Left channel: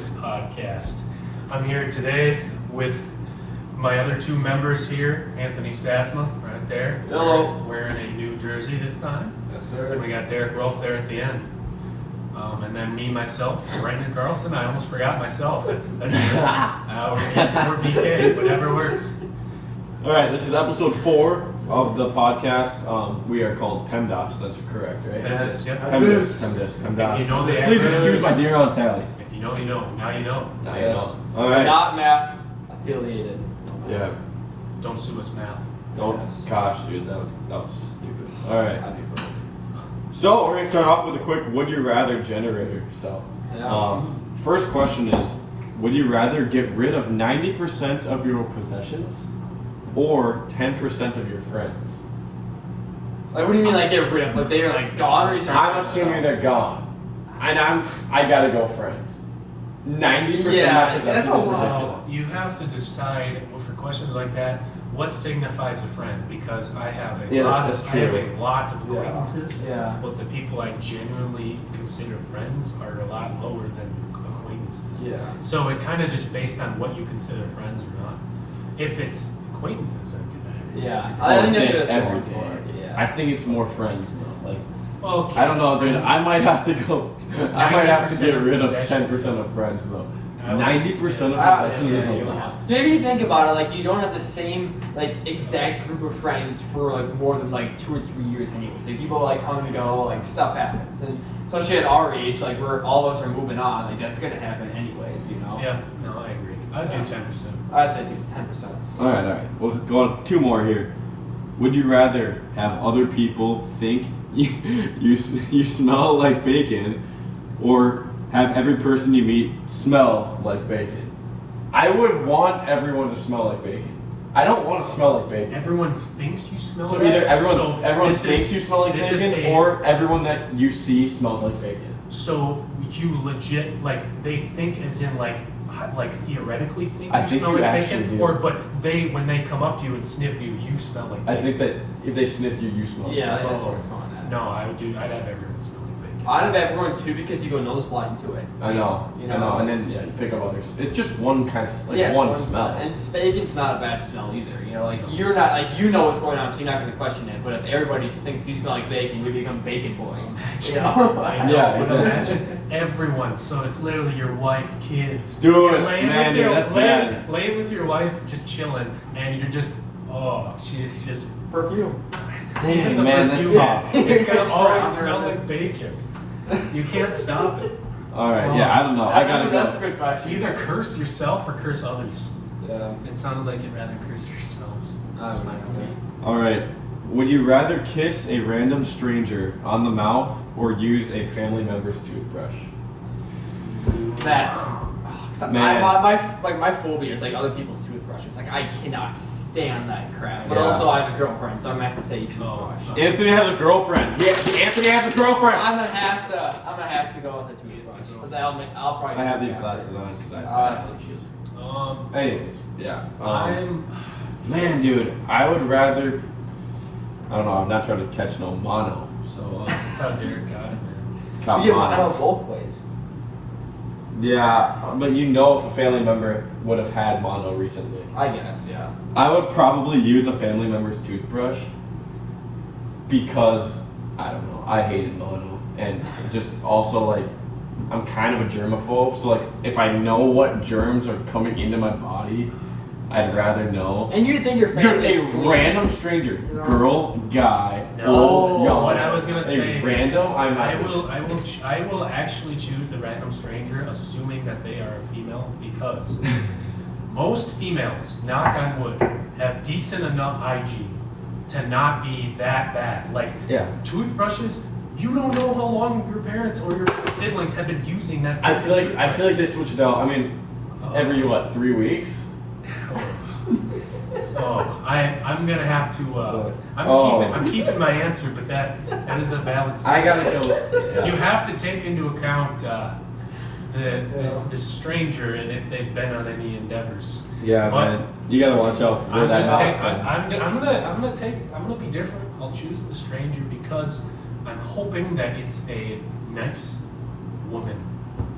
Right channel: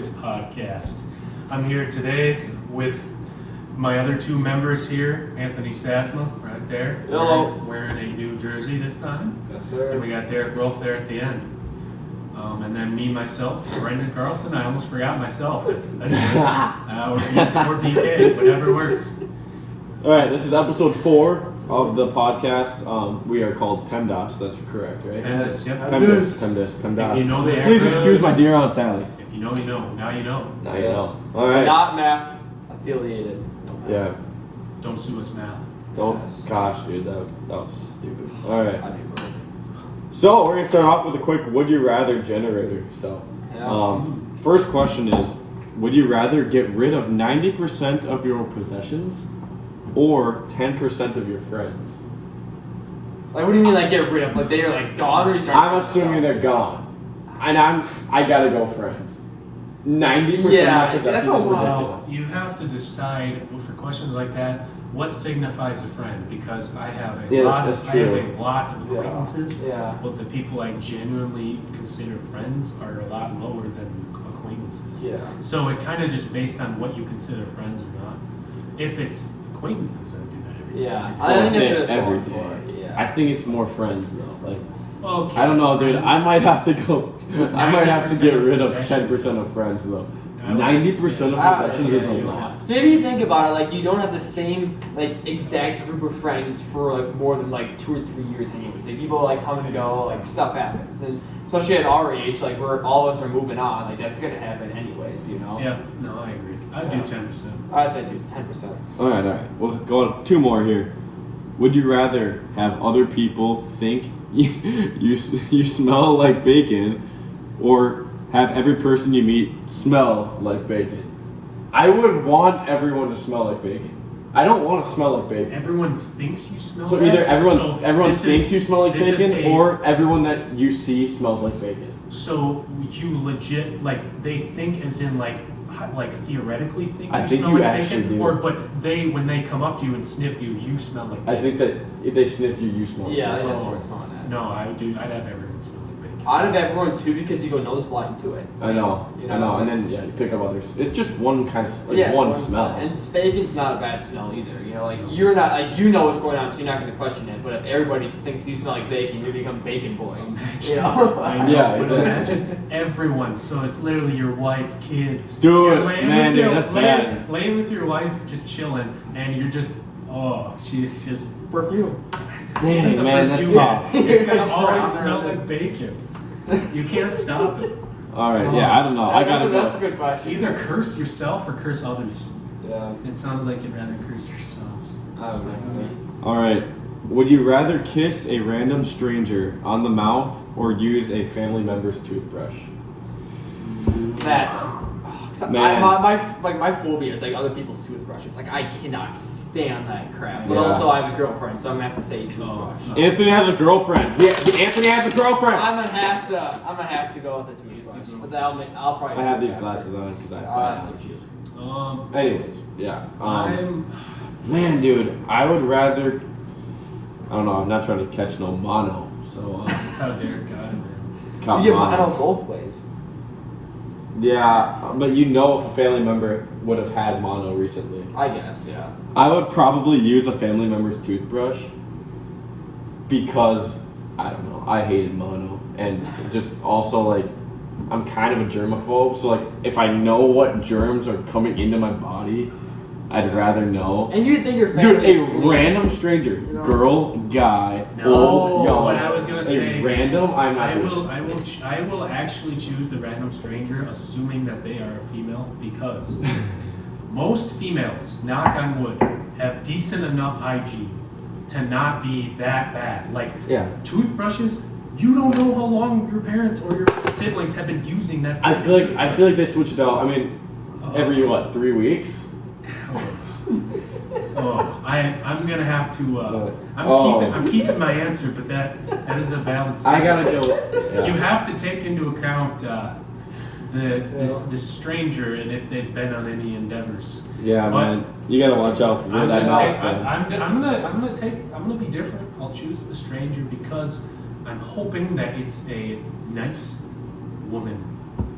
PEMDAS podcast. I'm here today with my other two members here, Anthony Sasma, right there. Hello. Wearing a new jersey this time. Yes, sir. And we got Derek Rolfe there at the end. And then me, myself, Brendan Carlson. I almost forgot myself. That's good. Or BK, whatever works. All right, this is episode 4 of the podcast. We are called PEMDAS. That's correct, right? PEMDAS, yeah. PEMDAS. If you know the Please acronym, excuse my dear Aunt Sally. If you know, you know. Now you know. Now you know. All right. Not math affiliated. Yeah. Don't sue us, math. Don't. Yes. Gosh, dude, that was stupid. All right. That'd be fun. So we're gonna start off with a quick "Would you rather" generator. So, Yeah. first question is: would you rather get rid of 90% of your possessions or 10% of your friends? Like, what do you mean, like, get rid of? Like, they are, like, gone, or you start? I'm assuming they're gone, and I gotta go friends. 90% Yeah, of that's possessions a is lot. ridiculous. You have to decide for questions like that. What signifies a friend? Because I have a Yeah, lot that's of true. of acquaintances, Yeah. but the people I genuinely consider friends are a lot lower than acquaintances. Yeah. So it kind of just based on what you consider friends or not. If it's acquaintances, I'm gonna. Yeah. I think that's what it's every going day. for. Yeah. I think it's more friends though. Like Okay. I don't know, dude. I might have to go. I might have to 90% get rid of possessions. 10% of friends though. I would- 90% of Ah, possessions yeah, is a you don't lot. have So maybe you think about it, like, you don't have the same, like, exact group of friends for, like, more than, like, 2 or 3 years anyways. Like, people, like, come and go, like, stuff happens. And especially at our age, like, we're, all of us are moving on. Like, that's gonna happen anyways, you know? Yeah. No, I agree. I'd do 10%. I'd say 10%. All right. We'll go on 2 more here. Would you rather have other people think you smell like bacon, or have every person you meet smell like bacon? I would want everyone to smell like bacon. I don't want to smell like bacon. Everyone thinks you smell. So like either everyone this thinks is- you smell like this is bacon, a- or everyone that you see smells like bacon. So you legit like they think as in like theoretically think I you think smell you like actually bacon, do. or but they when they come up to you and sniff you, you smell like I bacon. think that if they sniff you, you smell like Yeah, I bacon. think that's where it's going at. No, I'd have everyone smell like bacon. I'd have everyone too, because you go nose blind to it. I know, You I know, know, and like- then you pick up others. It's just one kind of Yeah, one it's smell. And bacon's not a bad smell either. You know, like, you're not, like, you know what's going on, so you're not going to question it. But if everybody thinks you smell like bacon, you become bacon boy. You know? I know, Yeah, but exactly. imagine everyone. So it's literally your wife, kids. Dude, You're laying man, with your, that's bad. laying with your wife, just chilling, and you're just, oh, she's just Perfume. Dang, the man, that's perfume. tough. It's gonna You're always gonna smell drown like bacon. You can't stop it. All right, yeah, I don't know. I gotta That's a go. good question. Either curse yourself or curse others. Yeah. It sounds like you'd rather curse yourselves. I don't know. All right, would you rather kiss a random stranger on the mouth or use a family member's toothbrush? That's. Man. My phobia is like other people's toothbrushes. Like, I cannot stand that crap. But Yeah. also I have a girlfriend, so I'm gonna have to say toothbrush. Anthony has a girlfriend. Yeah, Anthony has a girlfriend. I'm gonna have to go with the toothbrush. 'Cause I'll probably. I have these glasses on because I Uh, have to choose. Um, Anyways, yeah. I'm. Man, dude, I would rather. I don't know. I'm not trying to catch no mono, so. That's how Derek got it, man. Caught You get mono. mine both ways. Yeah, but you know if a family member would have had mono recently. I guess, yeah. I would probably use a family member's toothbrush because I don't know. I hated mono, and just also like I'm kind of a germaphobe. So like if I know what germs are coming into my body, I'd rather know. And you think your Dude, family a random stranger, girl, guy, No, old, young. what I was gonna say. A random, I might. I will actually choose the random stranger, assuming that they are a female, because most females, knock on wood, have decent enough hygiene to not be that bad. Like Yeah. toothbrushes, you don't know how long your parents or your siblings have been using that. I feel toothbrush. like they switch it out. I mean, every 3 weeks. So I'm gonna have to. I'm keeping my answer, but that is a valid. I statement. gotta do it. You have to take into account this stranger and if they've been on any endeavors. Yeah, But man, you gotta watch out for where that mouth's going. I'm gonna be different. I'll choose the stranger because I'm hoping that it's a nice woman.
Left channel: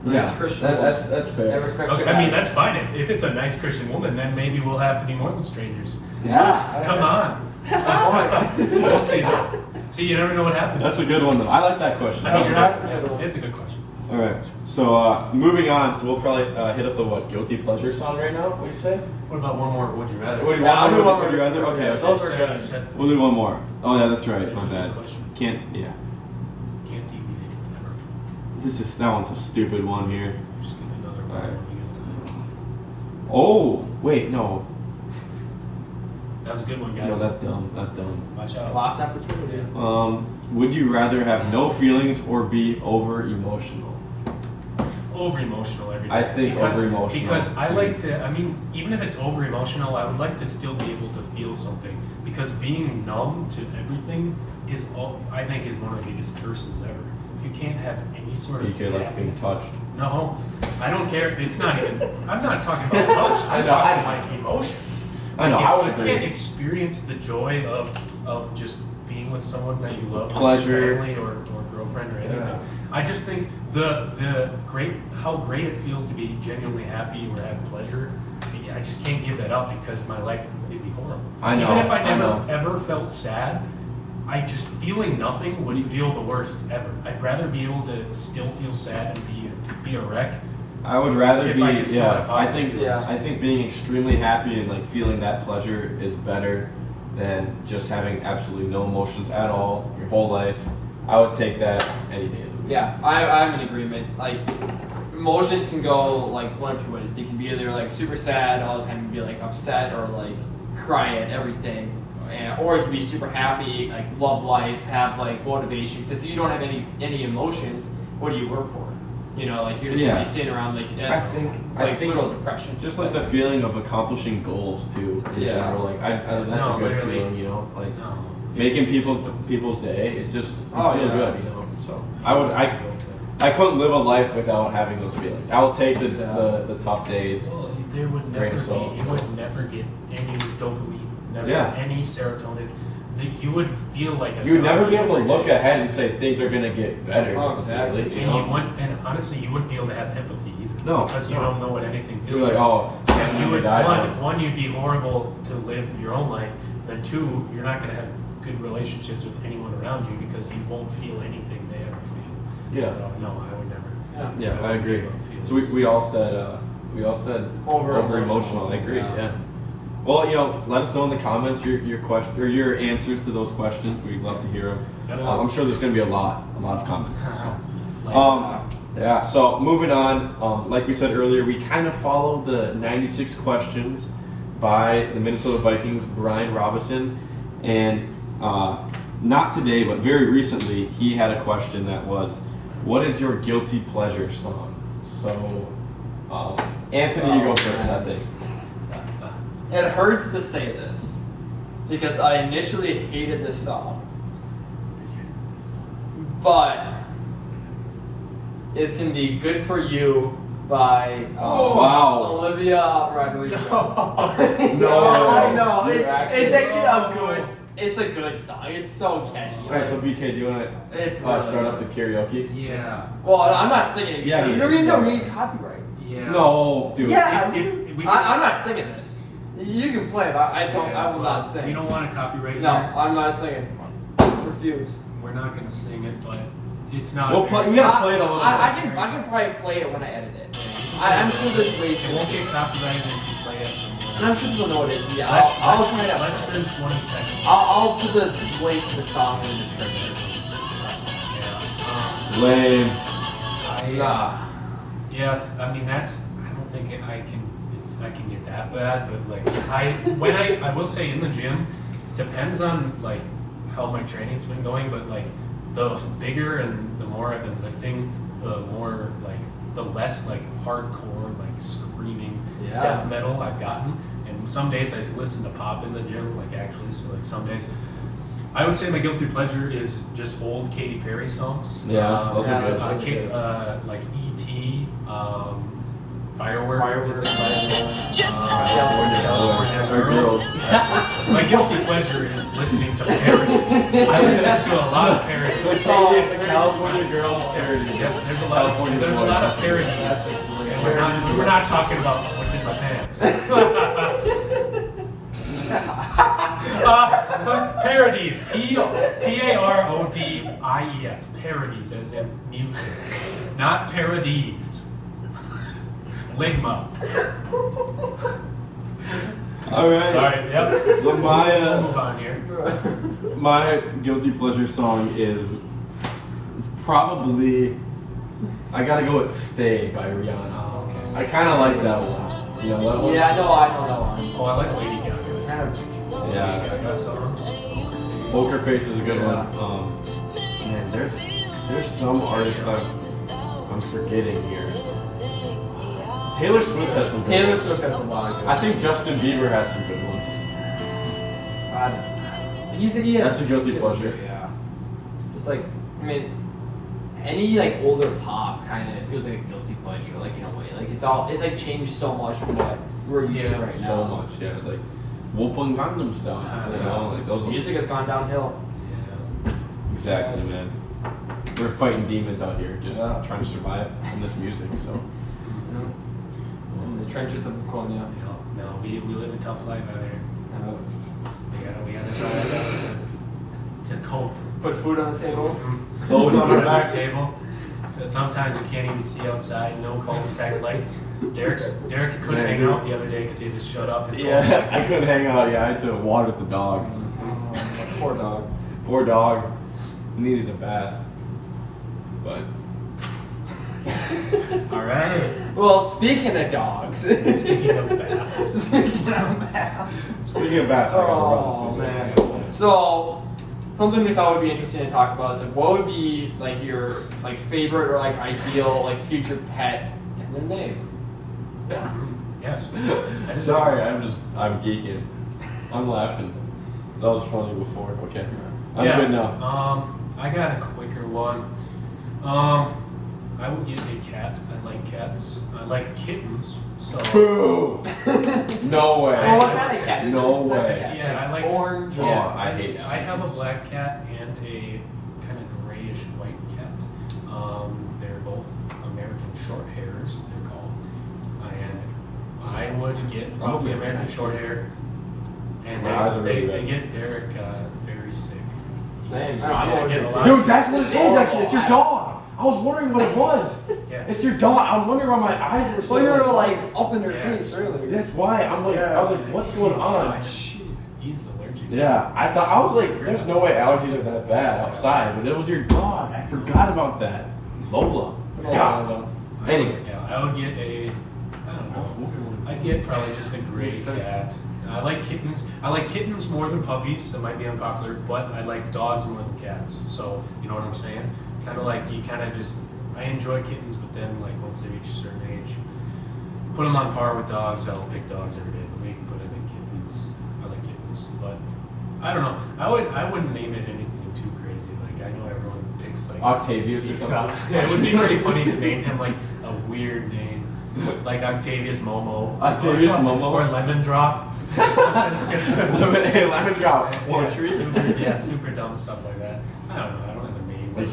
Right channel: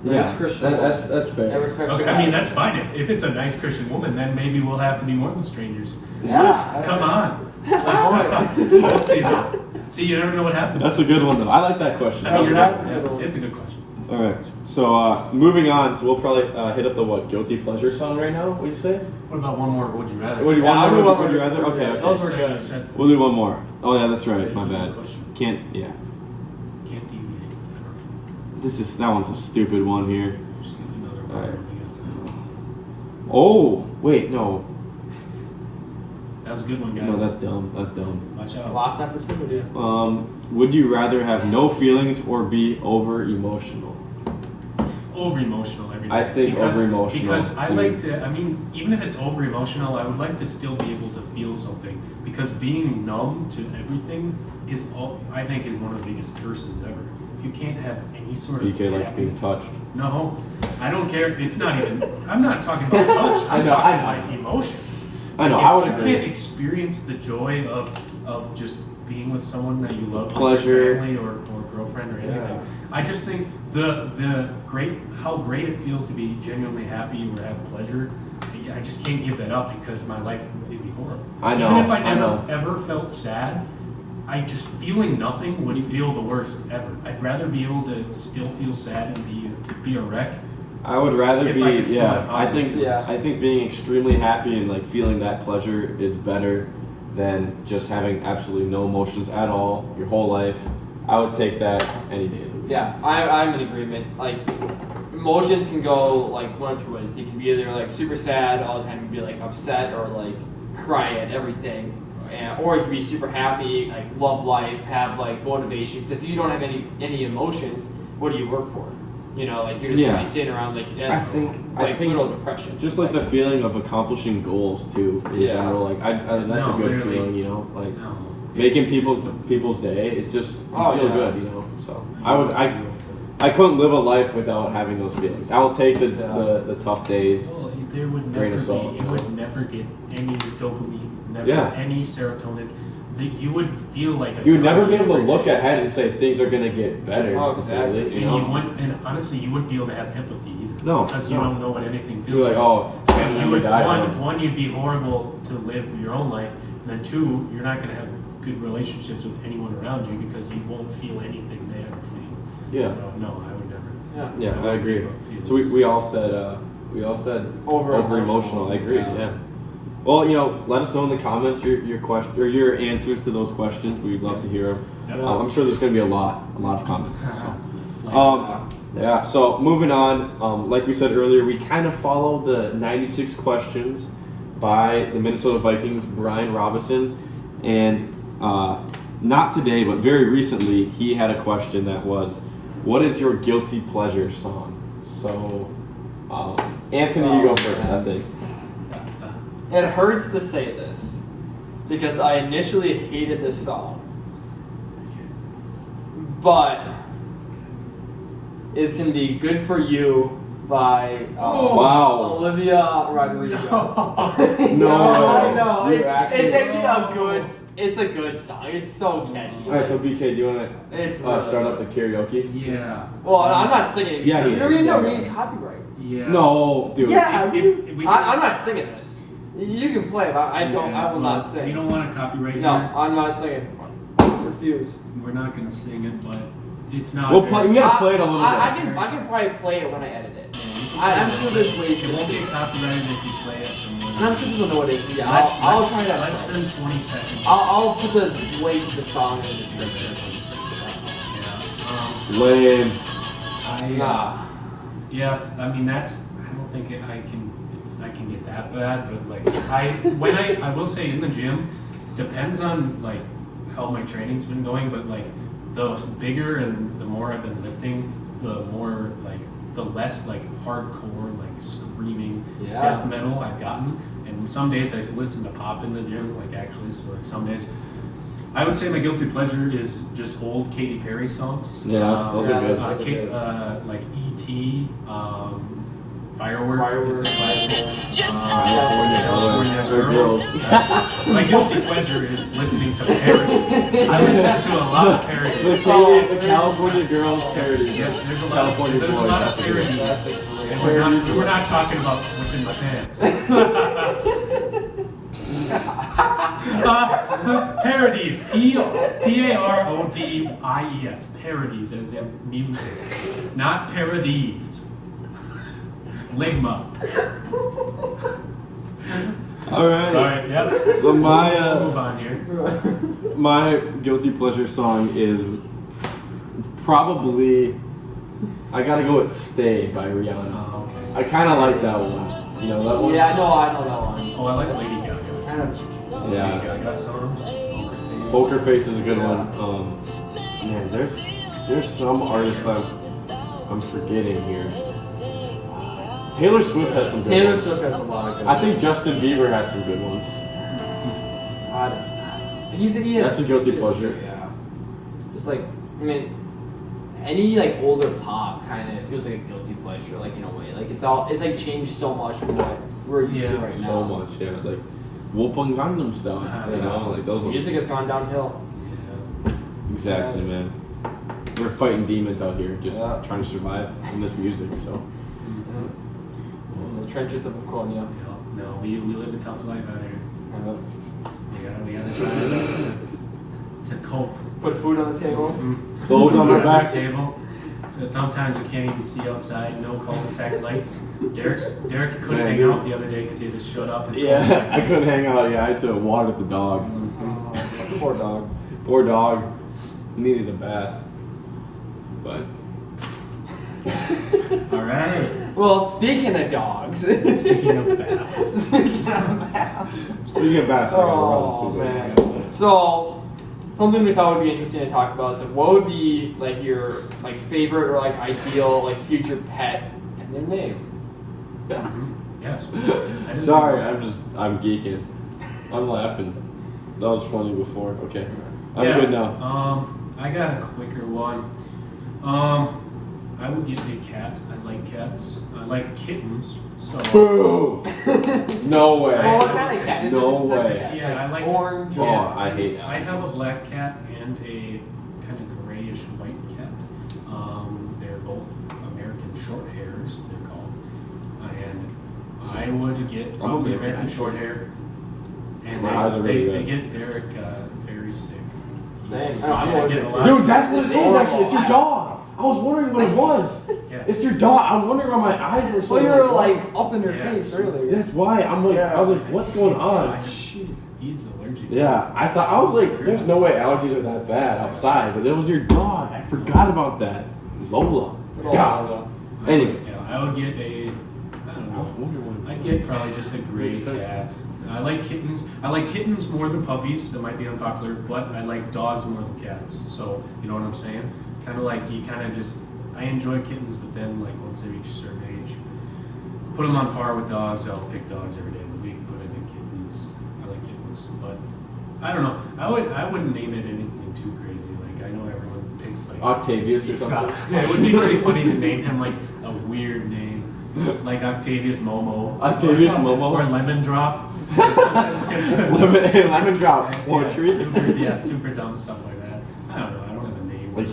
Nice Christian woman. that's That fair. respects Okay, your I mean, that's values. fine. If it's a nice Christian woman, then maybe we'll have to be more than strangers. Yeah. Come on. We'll see, though. See, you never know what happens. That's a good one though. I like that question. I mean, Yeah. it's a good question. All right. So moving on. So we'll probably hit up the guilty pleasure song right now. What'd you say? What about one more? Would you rather? Would you Yeah, want I'm more? gonna- Would you rather? Okay. Yeah, Okay. those are I good. said We'll do one more. Oh yeah, that's right. My It's a good bad. question. Can't. Yeah. Can't deviate. Never. That one's a stupid one here. Just give me another All one right. when we got time. Oh wait, no. That was a good one, guys. No, that's dumb. That's dumb. Watch out. Last opportunity. Would you rather have no feelings or be over emotional? Over emotional every day. I think over-emotional, Because I dude. like to. I mean, even if it's over emotional, I would like to still be able to feel something. Because being numb to everything is all I think is one of the biggest curses ever. If you can't have any sort of BK likes being happiness- touched. No, I don't care. It's not even. I'm not talking about touch. I'm I know, talking I know. like emotions. I know, Like, I would if agree. You can't experience the joy of just being with someone that you love, Pleasure. like your family or girlfriend or anything. Yeah. I just think how great it feels to be genuinely happy or have pleasure. I just can't give that up because my life would be horrible. I know, Even if I I never know. ever felt sad, I just feeling nothing would feel the worst ever. I'd rather be able to still feel sad and be a wreck. I would rather If be. I could still have I positive think. feelings. I think being extremely happy and like feeling that pleasure is better than just having absolutely no emotions at all your whole life. I would take that any day. Yeah, I'm in agreement. Like, emotions can go like one of two ways. You can be either like super sad all the time, you can be like upset or like cry at everything, or you can be super happy, like love life, have like motivation. 'Cause if you don't have any emotions, what do you work for? You know, like you're just gonna Yeah. be sitting around like I it's think little depression. just like the feeling of accomplishing goals too in Yeah. general. Like that's No, a good literally. feeling, you know. Like No. making It just would- people's day. It just you Oh, feel yeah. good, you know. So I couldn't live a life without having those feelings. I will take the tough days. Well, there would Grain never of be. salt. You would never get any dopamine, never Yeah. any serotonin. You would feel like a You would never be zombie able to every look day. ahead and say things are gonna get better. Oh, necessarily, exactly. you And, know? and honestly, you wouldn't be able to have empathy either. No, because you no. don't know what anything feels You're like, oh, And I'm you would, gonna die. one, you'd be horrible to live your own life. Then two, you're not going to have good relationships with anyone around you because you won't feel anything they ever feel. Yeah. So no, I would never. Yeah, I agree. give up feelings. So we all said over emotional. I agree. Yeah. Well, you know, let us know in the comments your question or your answers to those questions. We'd love to hear them. Yep. I'm sure there's going to be a lot of comments. So. Like, Yeah. So moving on, like we said earlier, we kind of follow the 96 questions by the Minnesota Vikings, Brian Robinson, and not today, but very recently, he had a question that was, "What is your guilty pleasure song?" So, Anthony, you go first. I think. It hurts to say this because I initially hated this song, but it's gonna be "Good for You" by Wow. Olivia Rodrigo. No, I know. you It's actually- actually it's a good song. It's so catchy. All right. So, BK, do you want It's to really start up the good. karaoke? yeah. Well, I'm not singing it. Yeah, you're he's- gonna read copyright. Yeah. No, dude. Yeah, If we- I'm not singing this. You can play, but I don't. Yeah, I will not sing. We don't want to copyright. No, here. I'm not singing. Refuse. We're not going to sing it, but it's not. We'll play- we gotta play it a little I bit. can probably play it when I edit it. I'm sure there's ways. It won't get copyrighted if you play it. And I'm sure people know what it is. Yeah, Less- I'll less- try to. Less than 20 seconds. I'll put the link to the song in the description. Yeah. Lame. Yes, I mean that's. I don't think I can. I can get that bad, but like I will say in the gym, depends on like how my training's been going, but like the bigger and the more I've been lifting, the more like the less like hardcore like screaming Yeah. death metal I've gotten. And some days I listen to pop in the gym, like actually. So like some days. I would say my guilty pleasure is just old Katy Perry songs. Yeah, those are good. Like E.T., Firework. Firework. Is it called? Just California girls. My guilty pleasure is listening to parodies. I listen to a lot of parodies. The California Girls parody. Yep, there's a lot of parodies. And we're not talking about what's in my pants. Parodies. Parodies. Parodies, as in music, not parodies. Ligma. All right. Sorry. Yep. So We'll move on here. my guilty pleasure song is probably I gotta go with "Stay" by Rihanna. I kind of like that one. You know that one? Yeah, I don't know. Oh, I like Lady Gaga. Yeah. Lady Gaga songs. Poker Face is a good one. Man, there's some artists that I'm forgetting here. Taylor Swift has some good Taylor ones. Swift has a lot of good I think Justin Bieber has some good ones. he has That's a guilty pleasure. Yeah. It's like, I mean, any like older pop kind of feels like a guilty pleasure, like in a way. Like it's like changed so much from what we're used to right now. So much, yeah. Like Whoopin' Gangnam Style, you know, like those ones. Music has gone downhill. Exactly, man. We're fighting demons out here, just Yeah. trying to survive in this music. So In the trenches of Bukonia. No, we live a tough life out here. We gotta try our best to cope. Put food on the table. clothes on the Food back. table. So sometimes you can't even see outside. No cul-de-sac lights. Derek couldn't Man, hang dude. out the other day because he had to shut off his Yeah, cul-de-sac I couldn't hang out. Yeah, I had to water the dog. Poor dog. Poor dog needed a bath. But All right. Well, speaking of dogs. Speaking of baths. speaking of baths, I gotta Oh run. man. So something we thought would be interesting to talk about is like what would be like your like favorite or like ideal like future pet and then name. Yeah. Yes. I just- Sorry, I'm geeking. I'm laughing. That was funny before. Okay, I'm good now. I got a quicker one. I would get a cat. I like cats. I like kittens. So Boo! No way. Oh, what kind of cat is No it? What type of way. cat? Yeah, I like orange. Oh, Yeah. I hate I allergies. have a black cat and a kind of grayish white cat. They're both American short hairs, they're called. And I would get probably American short hair. And My eyes are they really red. get Derek very sick. Same. So, I yeah, know I get a what lot Dude, of- that's what it is actually. It's your dog. I was wondering what it was. Yeah. It's your dog. I'm wondering why my eyes were so. So you're like up in their Yeah. face earlier. That's why I'm like. I was like, what's going on? He's allergic. Yeah, I was like, there's no way allergies are that bad outside, but it was your dog. I forgot about that. Lola. God. Anyway. Yeah, I would get I don't know. I'd get probably just a gray cat. I like kittens. I like kittens more than puppies. That might be unpopular, but I like dogs more than cats. So you know what I'm saying? Kind of like you kind of just. I enjoy kittens, but then like once they reach a certain age, put them on par with dogs. I'll pick dogs every day of the week, but I think kittens. I like kittens, but I don't know. I wouldn't name it anything too crazy. Like I know everyone picks like Octavius or something. Yeah, it would be really funny to name him like a weird name, like Octavius Momo. Octavius Momo? Or Lemon Drop. Lemon drop. One tree. Yeah, super dumb stuff like that. I don't know. I don't have a name. Like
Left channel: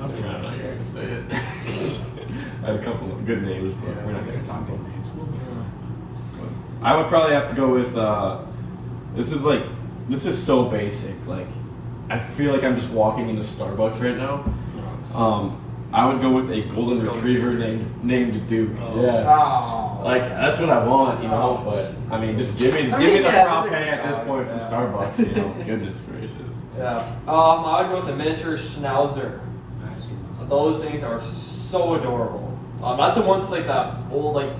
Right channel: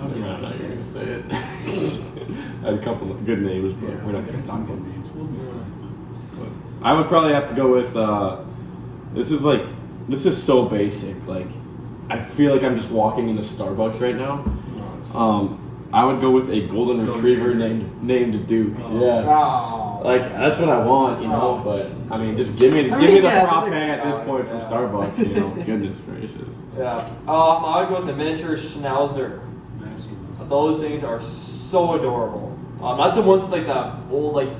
I'm not going to say it. I had a couple of good names, but Yeah, we're not going to some talk good about names. We'll be fine. I would probably have to go with. This is so basic. Like, I feel like I'm just walking into Starbucks right now. I would go with a golden retriever named Duke. Yeah. Oh. Like that's what I want, you know. But I mean, just give me the yeah, frappe big at this point from Starbucks, you know. Goodness gracious. Yeah. I would go with a miniature schnauzer. Nice. Those things are so adorable. Not the ones with like the old like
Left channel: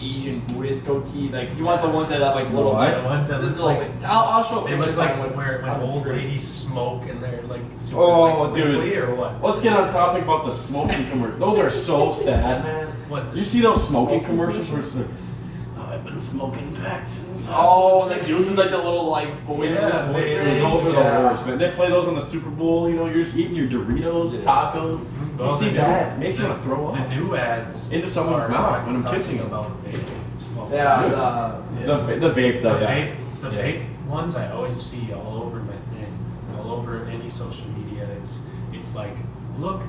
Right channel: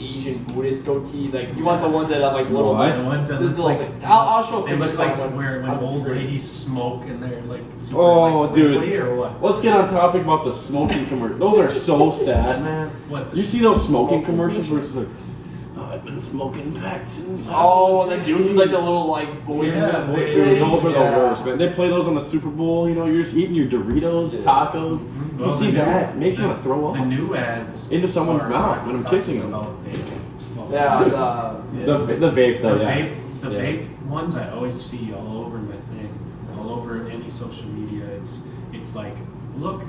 Asian Buddhist goatee. Like you want the ones that have like little. What? The ones that This look is like like I'll show they pictures look like on when on the old screen. ladies smoke and they're like super Oh, like, dude. wiggly or what? Let's get on topic about the smoking commercials. Those are so sad, man. What? You see those smoking commercials where it's like, oh, I've been smoking back since. I Oh, was like 16." dudes with like the little like voice. Yeah, Dude, they- those are the Yeah. worst, man. They play those on the Super Bowl. You know, you're just eating your Doritos, tacos. Well, You see the new- that? It makes you want to throw The up. new ads Into someone's are mouth talking- when I'm talking kissing them. about vaping. Well, Yeah, The vape, The though, yeah. vape ones I always see all over my thing, all over any social media. It's like, look,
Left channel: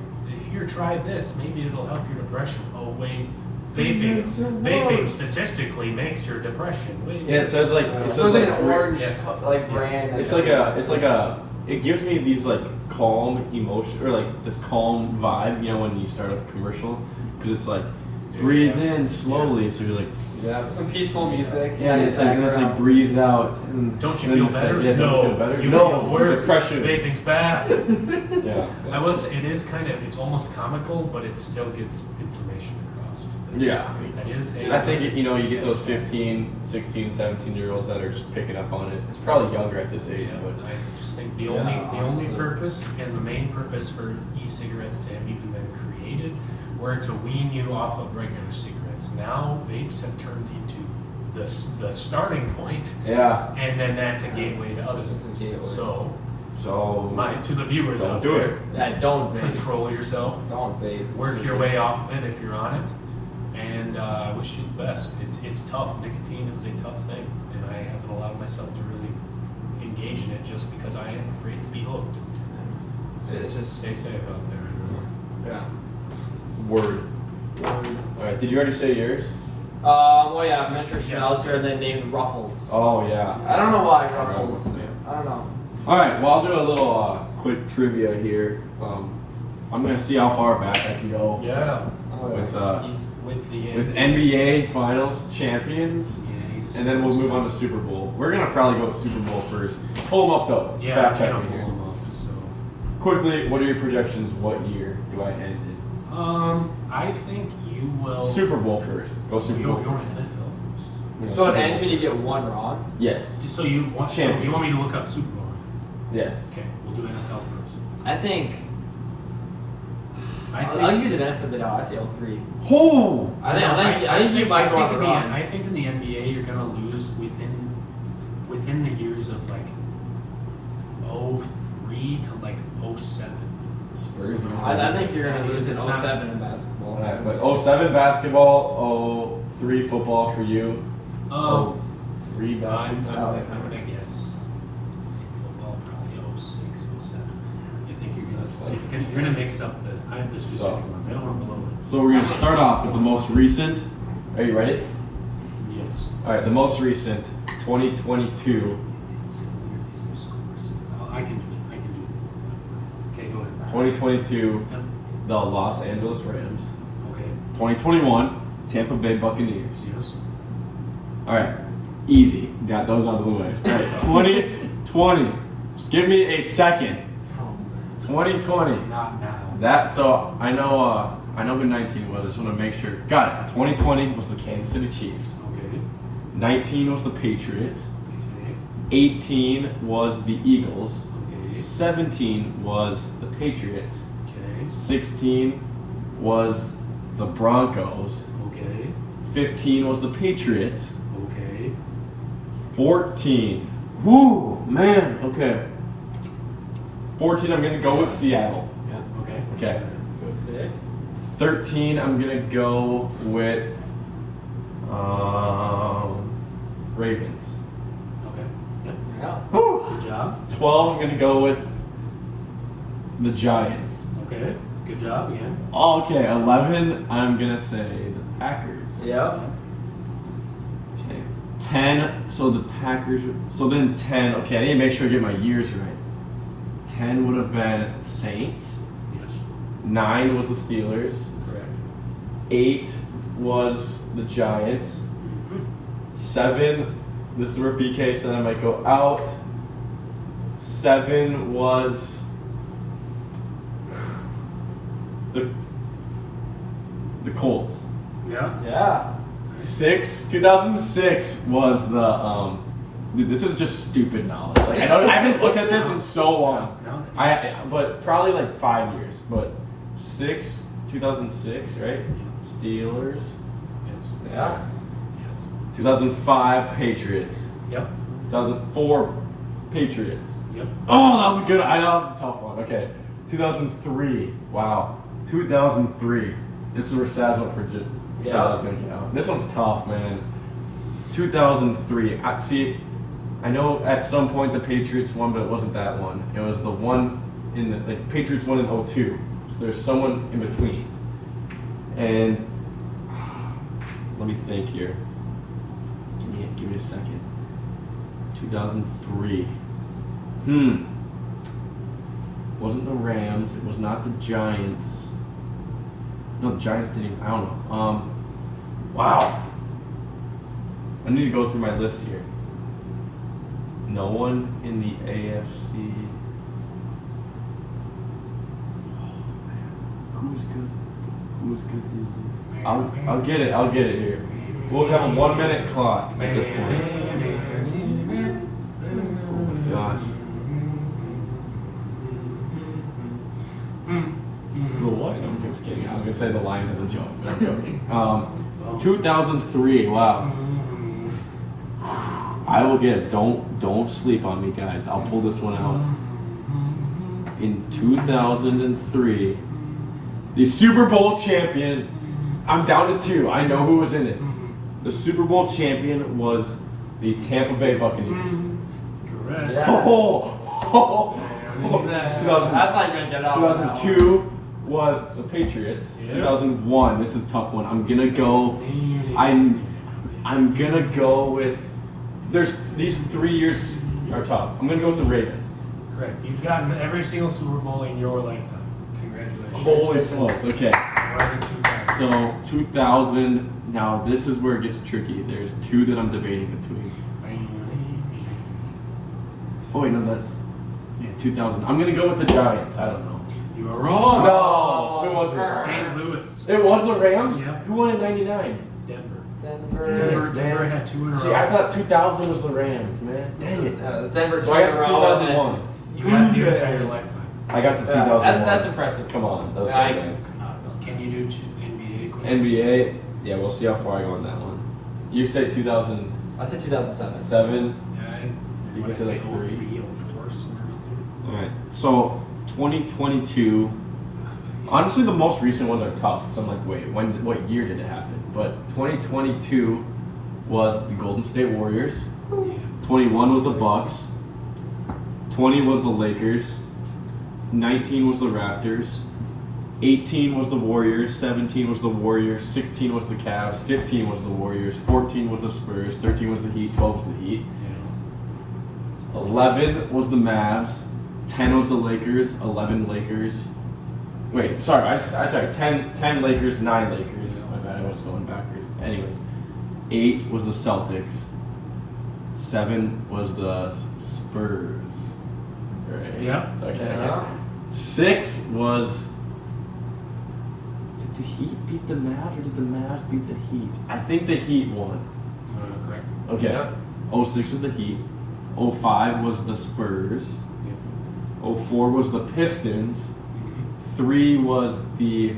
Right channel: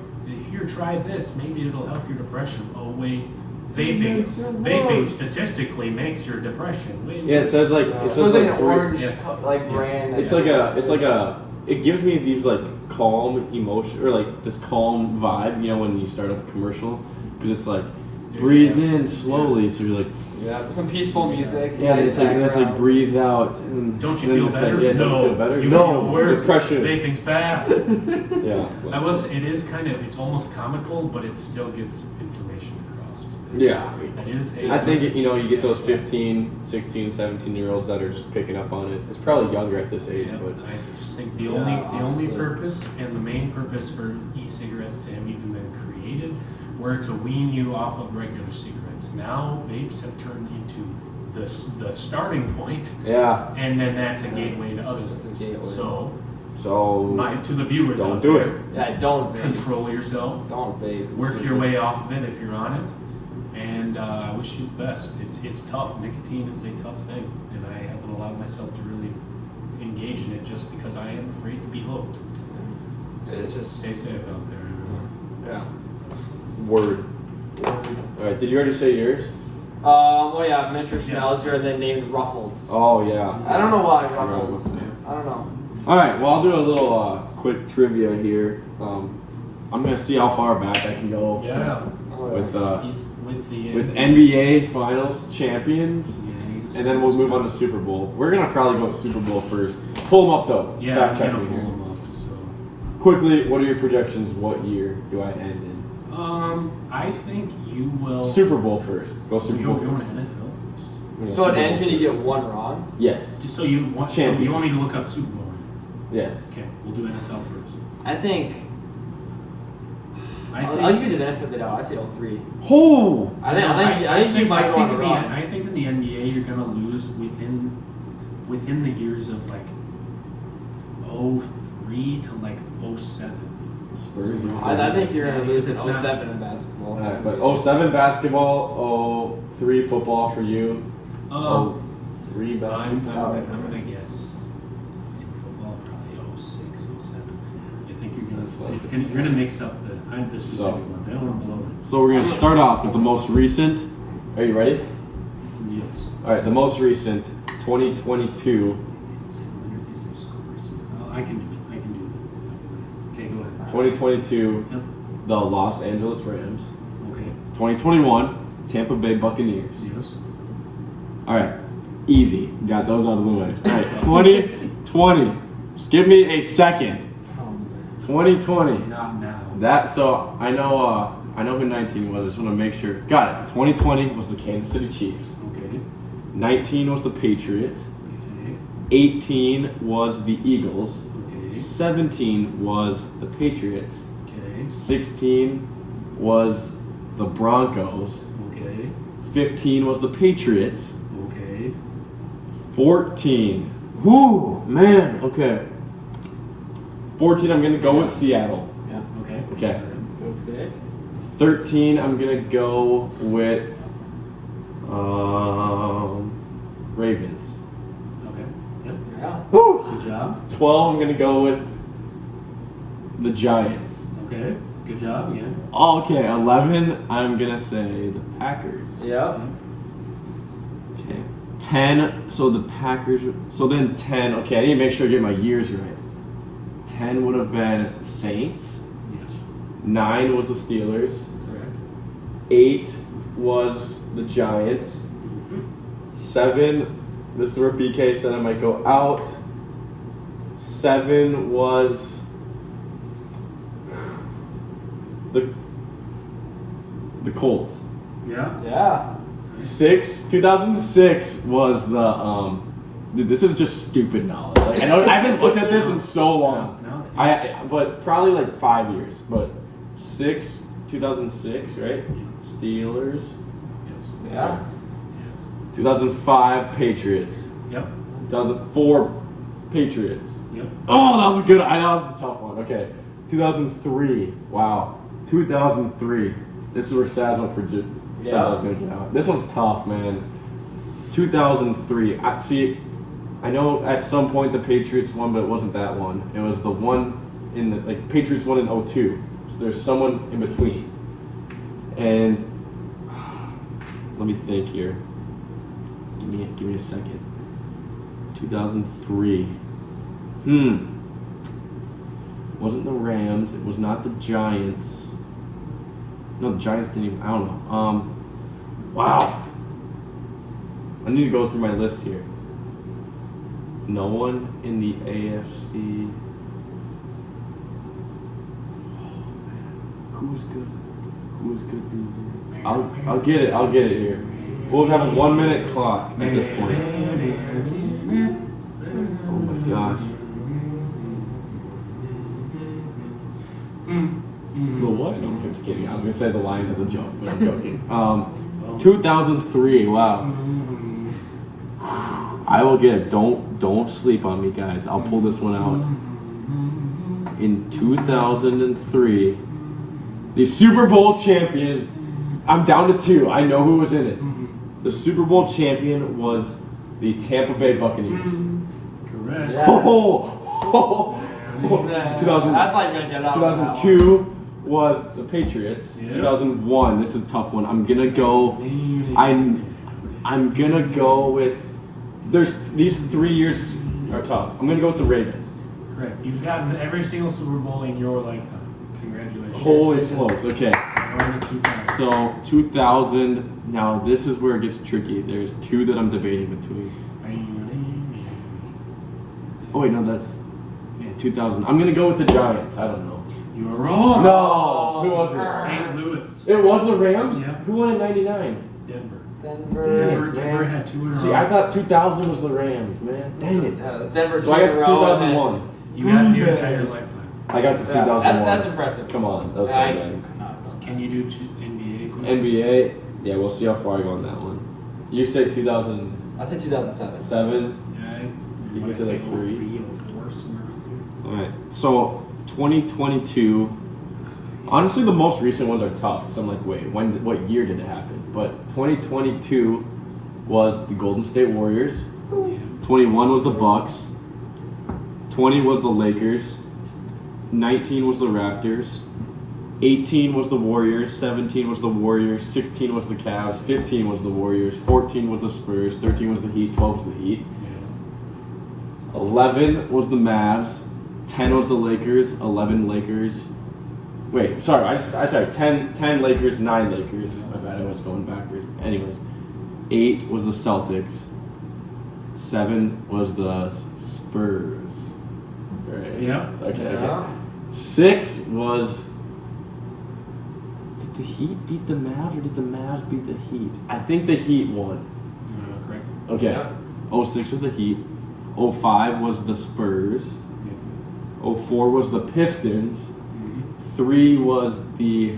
here, try this. Maybe it'll help your depression. Oh wait, vaping statistically makes your depression. Wait, Yeah, it says like it It's says like an like orange Yes. like brand. it's like a it gives me these like calm emotion or like this calm vibe, you know, when you start with the commercial, because it's like breathe in slowly, so you're like some peaceful music. yeah, and it's like breathe out. And, Don't you and feel it's better? Like, yeah, no. don't you feel better? You No, feel worse. depression. Vaping's bad. Yeah. It is kind of, it's almost comical, but it still gets information across. Yeah. It is. I think you know you get those 15, 16, 17-year-olds that are just picking up on it. It's probably younger at this age, Yeah, but I just think the Yeah, only honestly. purpose and the main purpose for e-cigarettes to have even been created were to wean you off of regular cigarettes. Now vapes have turned into the starting point, yeah. and then that's a gateway to other things. So, So to the viewers don't out do there, it. Yeah, don't vape. control yourself. Don't vape. It's Work super- your way off of it if you're on it, and I wish you the best. It's tough. Nicotine is a tough thing, and I haven't allowed myself to really engage in it just because I am afraid to be hooked. So It's just stay safe out there, everyone. yeah. Word. All right. Did you already say yours? Oh yeah, miniature Yeah. Chanel's here. They named Ruffles. Oh yeah. I don't know why Yeah. Ruffles. I don't know. All right. Well, I'll do a little quick trivia here. I'm gonna see how far back I can go Yeah, with he's with the NBA Finals champions, Yeah, he's a and then we'll move on to Super Bowl. We're gonna probably go with Super Bowl first. Pull them up though. Yeah, Fact check I'm me gonna here. pull him up, so. Quickly, what are your projections? What year do I end in? I think you will. Super Bowl first. Go Super You're Bowl going first. to NFL first. I'm gonna So it Super ends Bowl when you first. get one wrong. Yes. So you want Champion. me to look up Super Bowl? Yes. Okay, we'll do NFL first. I think. I'll give you the benefit of the doubt. I say 03. Oh. I think you might go on a run. I think in the NBA you're gonna lose within the years of like 03 to like 07. Spurs. I think you're gonna lose in It's not- 07 in basketball. All right, but 07 basketball, 03 football for you. 03 I'm basketball. gonna guess in football probably 06, 07. I think you're gonna mix up the specific ones. I don't know the low ones. So we're gonna start off with the most recent. Are you ready? Yes. All right, the most recent, 2022. I can do it. Okay, go ahead. 2022, Yep. the Los Angeles Rams. Okay. 2021, Tampa Bay Buccaneers. Yes. All right, easy. Got those out of the way. All right, 2020. Just give me a second. 2020. Not now. That so I know who 19 was. I just want to make sure. Got it. 2020 was the Kansas City Chiefs. Okay. 19 was the Patriots. Okay. 18 was the Eagles. Okay. 17 was the Patriots. Okay. 16 was the Broncos. Okay. 15 was the Patriots. Okay. 14. Whoo, man. Okay. 14, I'm going to go with Seattle. Yeah. Okay. Okay. Okay. 13, I'm going to go with Ravens. Okay. Yep. Yeah. Woo. Good job. 12, I'm going to go with the Giants. Okay. Good job again. Oh, okay, 11, I'm going to say the Packers. Yeah. Okay. 10, so the Packers, so then 10, okay, I need to make sure I get my years right. 10 would have been Saints. Yes. 9 was the Steelers. Correct. 8 was the Giants. 7, this is where BK said I might go out. 7 was the Colts. Yeah. Yeah. 2006 was the dude, this is just stupid knowledge. Like, I haven't looked at this in so long. Now it's But probably like 5 years. But 2006, right? Steelers. Yes. Yeah. Yes. 2005 Patriots. Yep. 2004 Patriots. Yep. Oh, that was a good. I know that was a tough one. Okay. 2003. Wow. 2003. This is where Saz will predict. Yeah. Gonna get out. This one's tough, man. 2003. I know at some point the Patriots won, but it wasn't that one. It was the one in the like Patriots won in 02. So there's someone in between. And let me think here. Give me a second. 2003. Wasn't the Rams. It was not the Giants. No, the Giants didn't even, I don't know. Wow. I need to go through my list here. No one in the AFC. Who's good? Who's good these days? I'll get it here. We'll have a 1 minute clock at this point. Oh my gosh. The what? I'm just kidding. I was gonna say the Lions as a joke, but it's okay. 2003. Wow. I will get it. Don't sleep on me, guys. I'll pull this one out. In 2003, the Super Bowl champion. I'm down to 2. I know who was in it. The Super Bowl champion was the Tampa Bay Buccaneers. Correct. Yes. 2002 was the Patriots. Yep. 2001. This is a tough one. I'm gonna go with. There's these 3 years are tough. I'm gonna go with the Ravens. Correct. You've gotten every single Super Bowl in your lifetime. Congratulations. Holy smokes! Okay. So 2000. Now this is where it gets tricky. There's 2 that I'm debating between. Oh wait, no, that's 2000. I'm gonna go with the Giants. I don't know. You are wrong. No. Who was this? St. Louis. It was the Rams. Yep. Who won in '99? Denver. Denver. Had 2 in a row. See, I thought 2000 was the Rams, man. Dang it. Yeah, it was Denver. So I got to 2001. You got your entire lifetime. I got to 2001. That's impressive. Come on, that's I- fine. Come on. Can you do 2 NBA quick? NBA. Yeah, we'll see how far I go on that one. You say 2007. I said 2007. You can say like 3. 3 or 4 somewhere around All right. So 2022. Honestly, the most recent ones are tough. So I'm like, wait, what year did it happen? But 2022 was the Golden State Warriors. there. Yeah. 21 was the Bucks. 20 was the Lakers. 19 was the Raptors. 18 was the Warriors. 17 was the Warriors. 16 was the Cavs. 15 was the Warriors. 14 was the Spurs. 13 was the Heat. 12 was the Heat. 11 was the Mavs. 10 was the Lakers. 11 Lakers. Wait, sorry. I sorry. 10 Lakers. 9 Lakers. My bad. I was going backwards. Anyways, 8 was the Celtics. 7 was the Spurs. Right. Yep. Okay. 6 was. Did the Heat beat the Mavs or did the Mavs beat the Heat? I think the Heat won. Correct. Okay. Yep. 06 was the Heat. 05 was the Spurs. 04 was the Pistons. 3 was the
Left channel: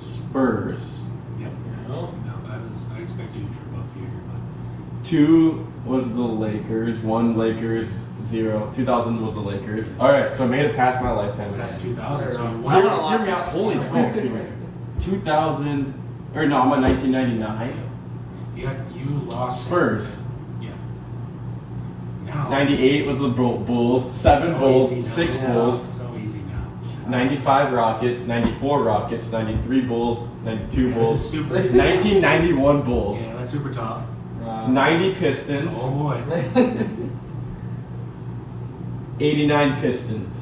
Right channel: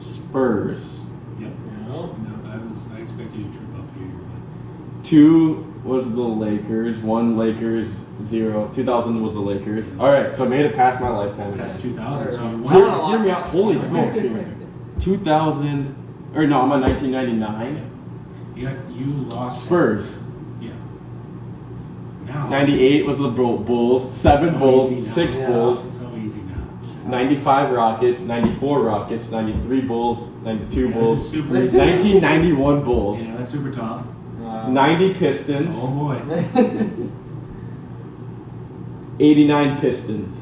Spurs. Yep. No, I expect you to trip up here, but 2 was the Lakers. 1 Lakers. 0. 2000 was the Lakers. All right, so I made it past my lifetime. past 2000, so you Hear won. me out. Holy smokes. 2000, or no, I'm on 1999. You lost. Spurs. Yeah. Now. 98 was the Bulls. 7 So Bulls. easy now. 6 Yeah, Bulls. So easy now. 95 Rockets. 94 Rockets. 93 Bulls. 92 Yeah, Bulls. this is super easy. 1991 Bulls. Yeah, that's super tough. 90 Pistons. Oh boy. 89 Pistons.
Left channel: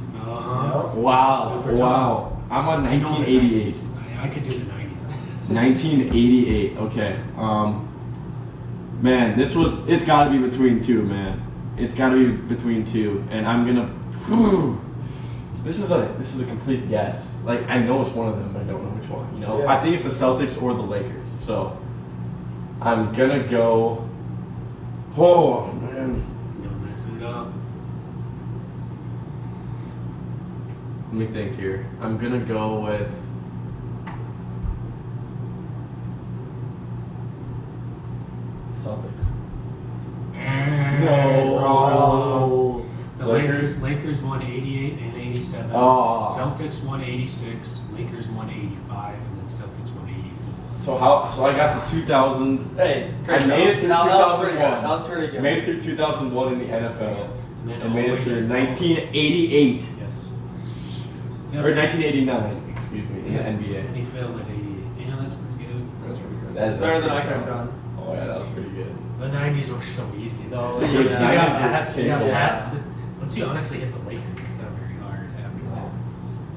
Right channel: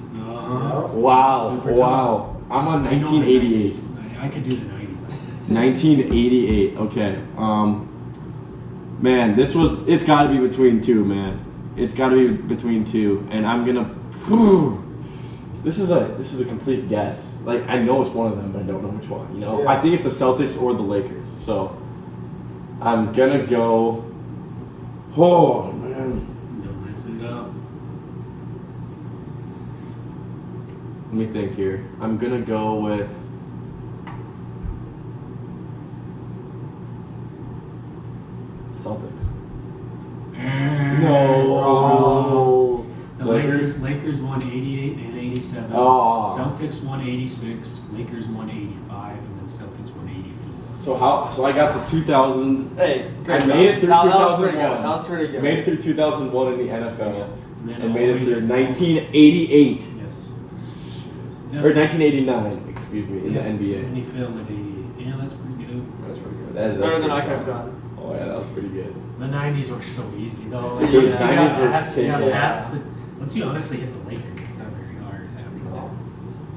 Wow. Super Wow. I'm on I know the 1988. 90s. I could do the 90s. 1988. Okay. Man, it's got to be between 2, man. It's got to be between 2, and I'm gonna. This is a complete guess. Like I know it's one of them, but I don't know which one. You know, Yeah. I think it's the Celtics or the Lakers. So I'm gonna go. Oh man. Don't mess it up. Let me think here. I'm gonna go with. Celtics. No. The Lakers? Lakers won 88 and 87. Oh. Celtics won 86. Lakers won 85, and then Celtics won So I got to 2000. Hey, great. I made it through That was pretty 2001. good. That was pretty good. Made it through 2001 in the NFL, and all made the it way through to- 1988 Yes. or 1989. Excuse me, in the NBA. And he failed at 80. Yeah, that's pretty good. That's pretty good. That's Better than I pretty could have solid. done. Oh yeah, that was pretty good. The 90s were so easy though. Like, Dude, once 90s you got were past, you got taken. past the, once you honestly hit the Lakers, it's not very hard after that.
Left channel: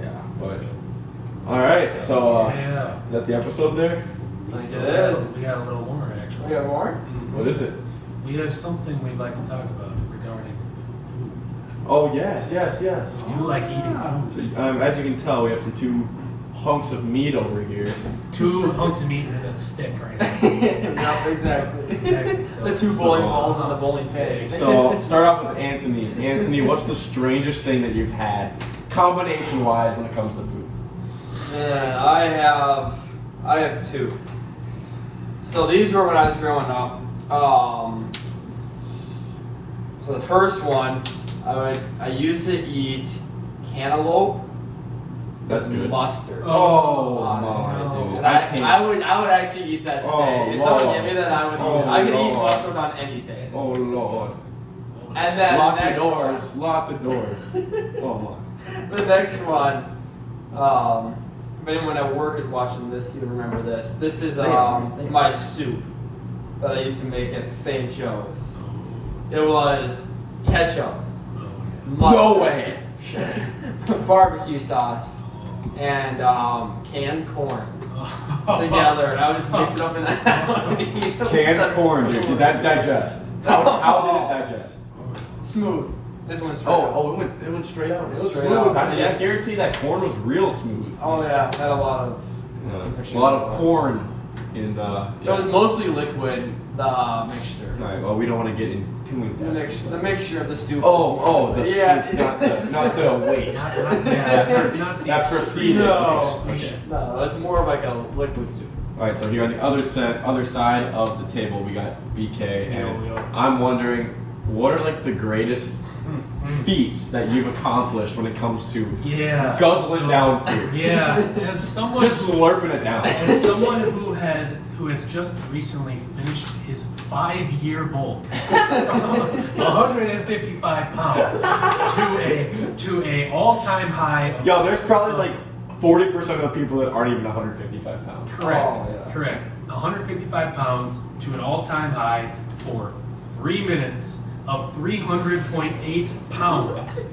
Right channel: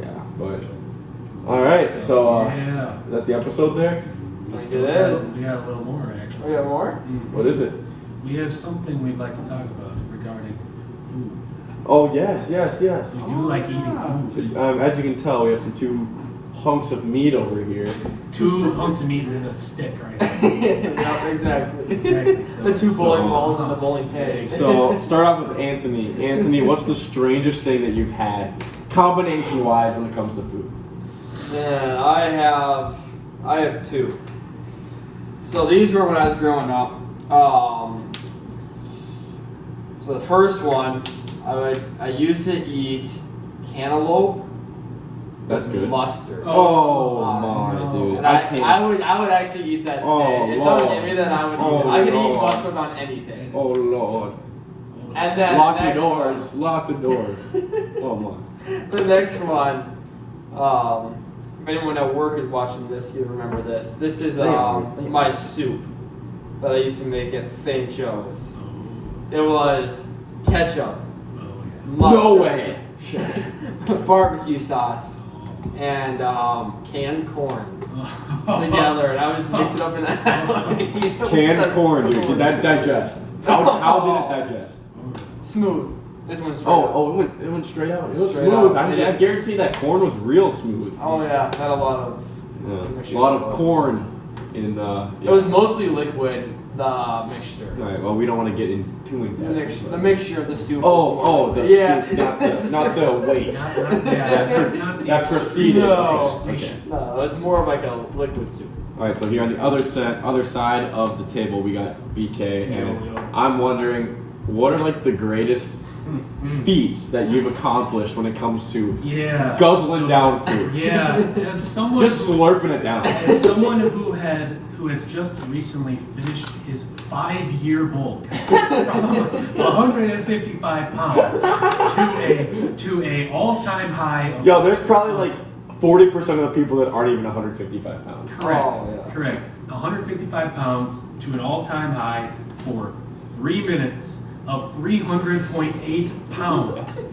Yeah, but all right. So yeah. is that the episode there? We Think still it got- is. We got a little more actually. We got more? What is it? We have something we'd like to talk about regarding food. Oh yes. We do like eating food. As you can tell, we have some two hunks of meat over here. 2 hunks of meat and a stick right now. Yeah, exactly. Exactly. So, The two bowling balls on the bowling pin. So start off with Anthony. Anthony, what's the strangest thing that you've had, combination-wise, when it comes to food? Yeah, I have two. So these were when I was growing up. So the first one, I used to eat cantaloupe That's with good. mustard. Oh no. my dude, And I can't. I would actually eat that today. Oh, If someone Lord. gave me that, I would eat Oh, it. I could eat Lord. mustard on anything. Oh Lord. And then Lock the next doors. Lock the doors. Oh my. one, the next one, if anyone at work is watching this, you remember this. This is my soup that I used to make at St. Joe's. It was ketchup, No mustard, way. barbecue sauce, and canned corn together, and I would just mix it up in that. Canned corn, dude. Did that digest? How did it digest? Smooth. This one's straight up. Oh, it went straight out. It was Straight smooth. out. I Yes. guarantee that corn was real smooth. Oh yeah, had a lot of. Yeah. A lot of corn in the. It was mostly liquid, the mixture. All right. Well, we don't want to get in too in The depth. mixture of the soup. Oh, the Yeah. soup, not the waste. Not That preceded. No. Okay. No, it was more of like a liquid soup. All right. So here on the other side of the table, we got BK, and Yo. I'm wondering, what are like the greatest feats that you've accomplished when it comes to Yeah. guzzling down food? Yeah. As someone Just slurping it down. As someone who has just recently finished his 5-year bulk from 155 pounds to a all-time high of Yo, there's probably like 40% of the people that aren't even 155 pounds. correct, Oh, yeah. correct, 155 pounds to an all-time high for 3 minutes of 300.8 pounds.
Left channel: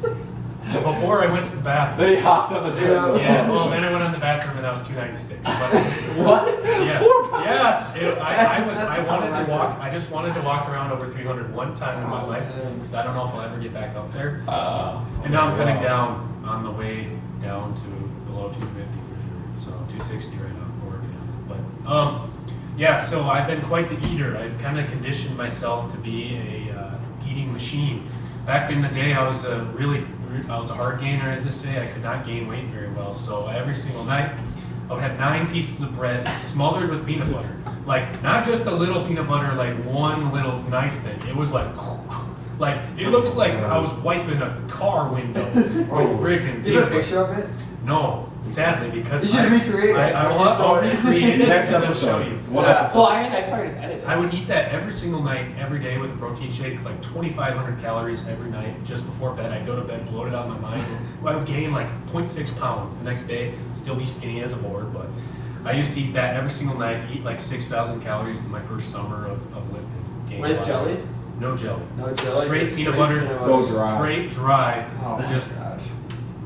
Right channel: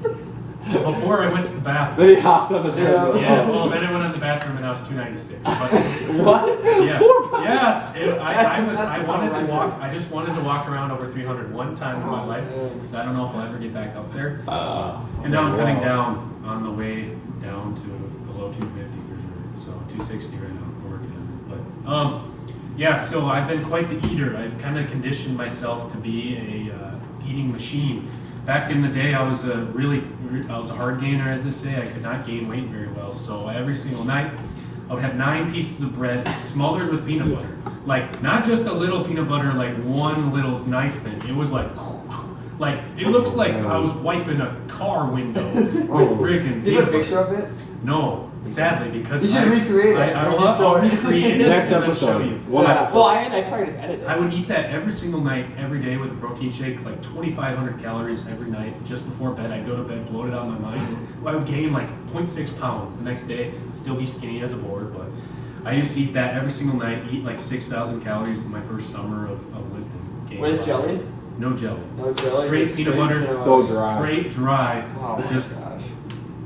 Before I went to the bathroom. Then he hopped on the treadmill. Yeah, well, then I went on the bathroom and I was 296. But What? yes. I wanted to walk. I just wanted to walk around over 300 one time in my life because I don't know if I'll ever get back out there. And now I'm cutting down on the way down to below 250 for sure. So 260 right now. We're working on it. But yeah. So I've been quite the eater. I've kind of conditioned myself to be a eating machine. Back in the day, I was a hard gainer, as they say. I could not gain weight very well. So every single night, I would have 9 pieces of bread smothered with peanut butter. Like, not just a little peanut butter, like one little knife thing. It was like it looks like I was wiping a car window with freaking Do you have peanut a butter. picture of it? No, sadly, because You should recreate it. I'll recreate it. Next and then episode. show you. One Yeah. episode. Well, I probably just edit it. I would eat that every single night, every day with a protein shake, like 2,500 calories every night. Just before bed, I'd go to bed bloated out of my mind. I would gain like 0.6 pounds the next day, still be skinny as a board. But I used to eat that every single night, eat like 6,000 calories in my first summer of lifting. Gained a With lot. jelly? No jelly. No jelly. Straight peanut butter. So dry. Straight dry. Oh my Just gosh.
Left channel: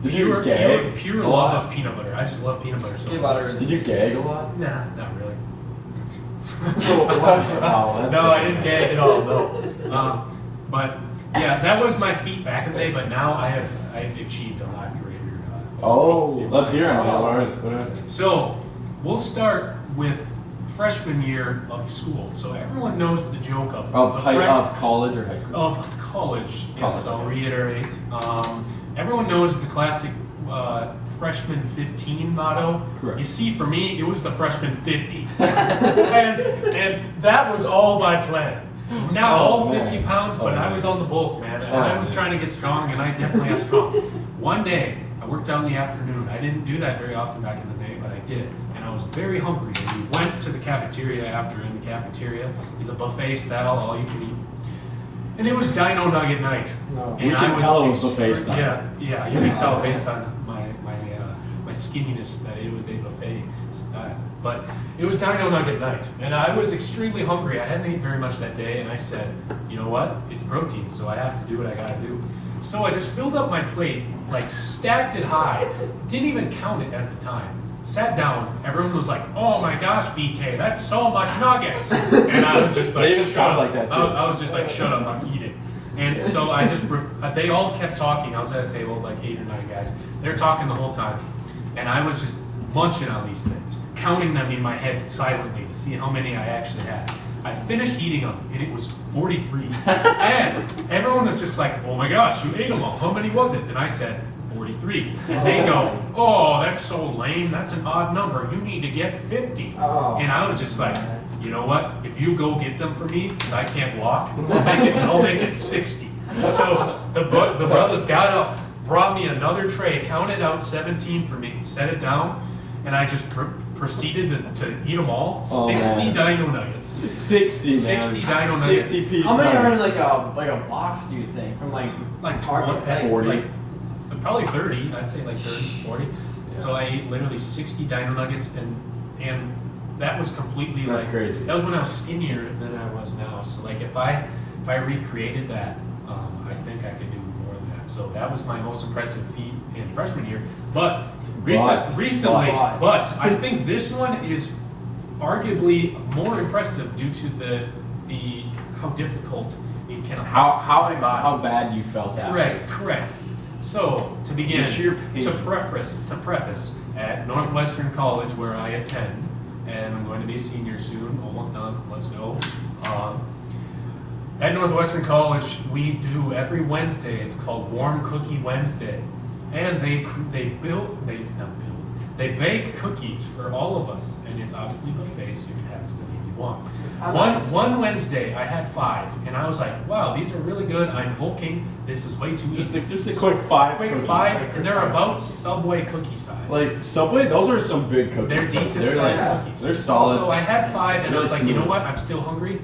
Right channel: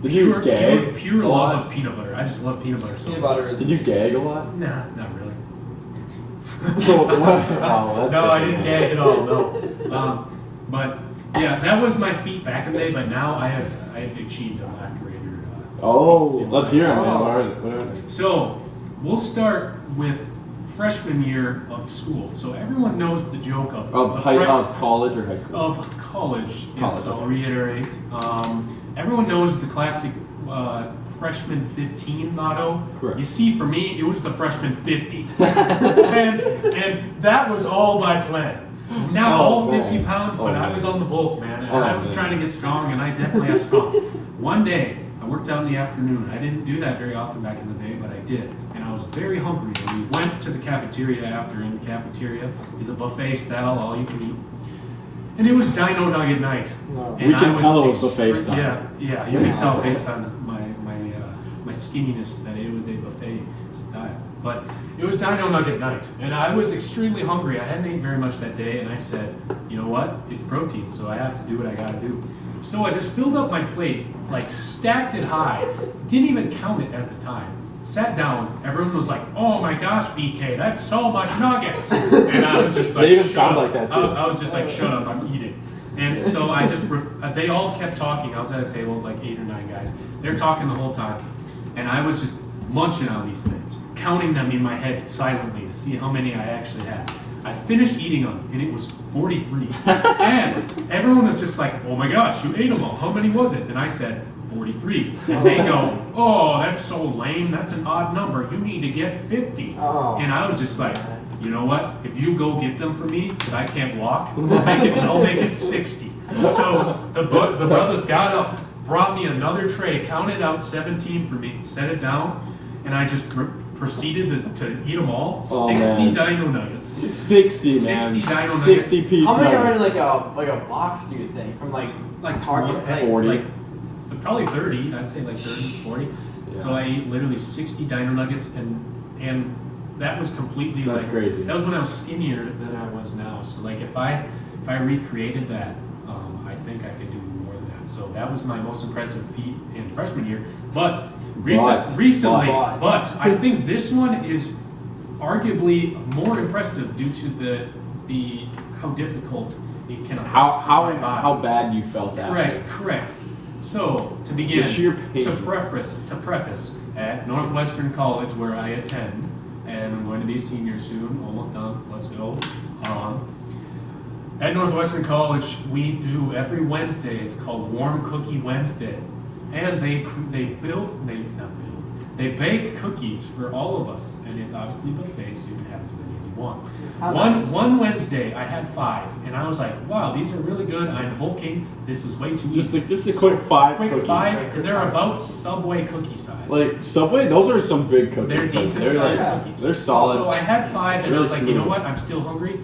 Did you gag? pure a love lot? of peanut butter. I just love peanut butter so Peanut much. butter is. Did you gag a lot? Nah, not really. So what? Oh, that's No, I different. didn't gag at all. No, but yeah, that was my feat back in the day. But now I've achieved a lot greater. Oh, feats. let's hear him. What are they? So we'll start with freshman year of school. So everyone knows the joke of Of college or high school? of college. Yes, College, I'll okay. reiterate. Everyone knows the classic freshman 15 motto. Correct. You see, for me, it was the freshman 50. and that was all by plan. Not Oh, all man. 50 pounds, but Oh, I man. was on the bulk, man. And Oh, I was man. trying to get strong, and I definitely got strong. One day, I worked out in the afternoon. I didn't do that very often back in the day, but I did. And I I was very hungry. And we went to the cafeteria after. In the cafeteria is a buffet style, all you can eat. And it was Dino Nugget night. No. And We can I tell it was buffet style. Yeah, you can tell based on my skinniness that it was a buffet style. But it was Dino Nugget night, and I was extremely hungry. I hadn't eaten very much that day, and I said, you know what? It's protein, so I have to do what I gotta do. So I just filled up my plate, like stacked it high, didn't even count it at the time. Sat down, everyone was like, oh my gosh, BK, that's so much nuggets. And I was just like, They even shut sound up. like that, too. I was just like, shut up, I'm eating. And so I just, they all kept talking. I was at a table with like 8 or 9 guys. They were talking the whole time. And I was just munching on these things, counting them in my head silently to see how many I actually had. I finished eating them, and it was 43. And everyone was just like, oh my gosh, you ate them all. How many was it? And I said, 43. And they go, oh, that's so lame. That's an odd number. You need to get 50. Oh. And I was just like, you know what? If you go get them for me, because I can't walk, I'll make it 60. So the brothers got up, brought me another tray, counted out 17 for me, set it down, and I just proceeded to eat them all. Oh, 60 man. Dino Nuggets. 60, man. 60 Dino Nuggets. 60 piece How many are nugget. in like a box? Do you think from like Target? Like 40. Like, probably 30. I'd say like 30, 40. Yeah. So I ate literally 60 Dino Nuggets, and that was completely That's like crazy. that was when I was skinnier than I was now. So like if I recreated that, I think I could do more than that. So that was my most impressive feat in freshman year. But recently, but I think this one is arguably more impressive due to the how difficult it can affect my body. How bad you felt after. Correct. So to begin, The sheer pain. to preface, at Northwestern College where I attend, and I'm going to be a senior soon, almost done. Let's go. At Northwestern College, we do every Wednesday. It's called Warm Cookie Wednesday, and they bake cookies for all of us, and it's obviously buffet, so you can have as many as you want. One Wednesday, I had 5, and I was like, wow, these are really good. I'm bulking. This is way too Just easy. a quick 5. Quick cookies. 5, and they're about Subway cookie size. Like Subway, those are some big cookies. They're decent They're sized like- cookies. They're solid. So I had 5, and I Really was like, you know smooth. what? I'm still hungry.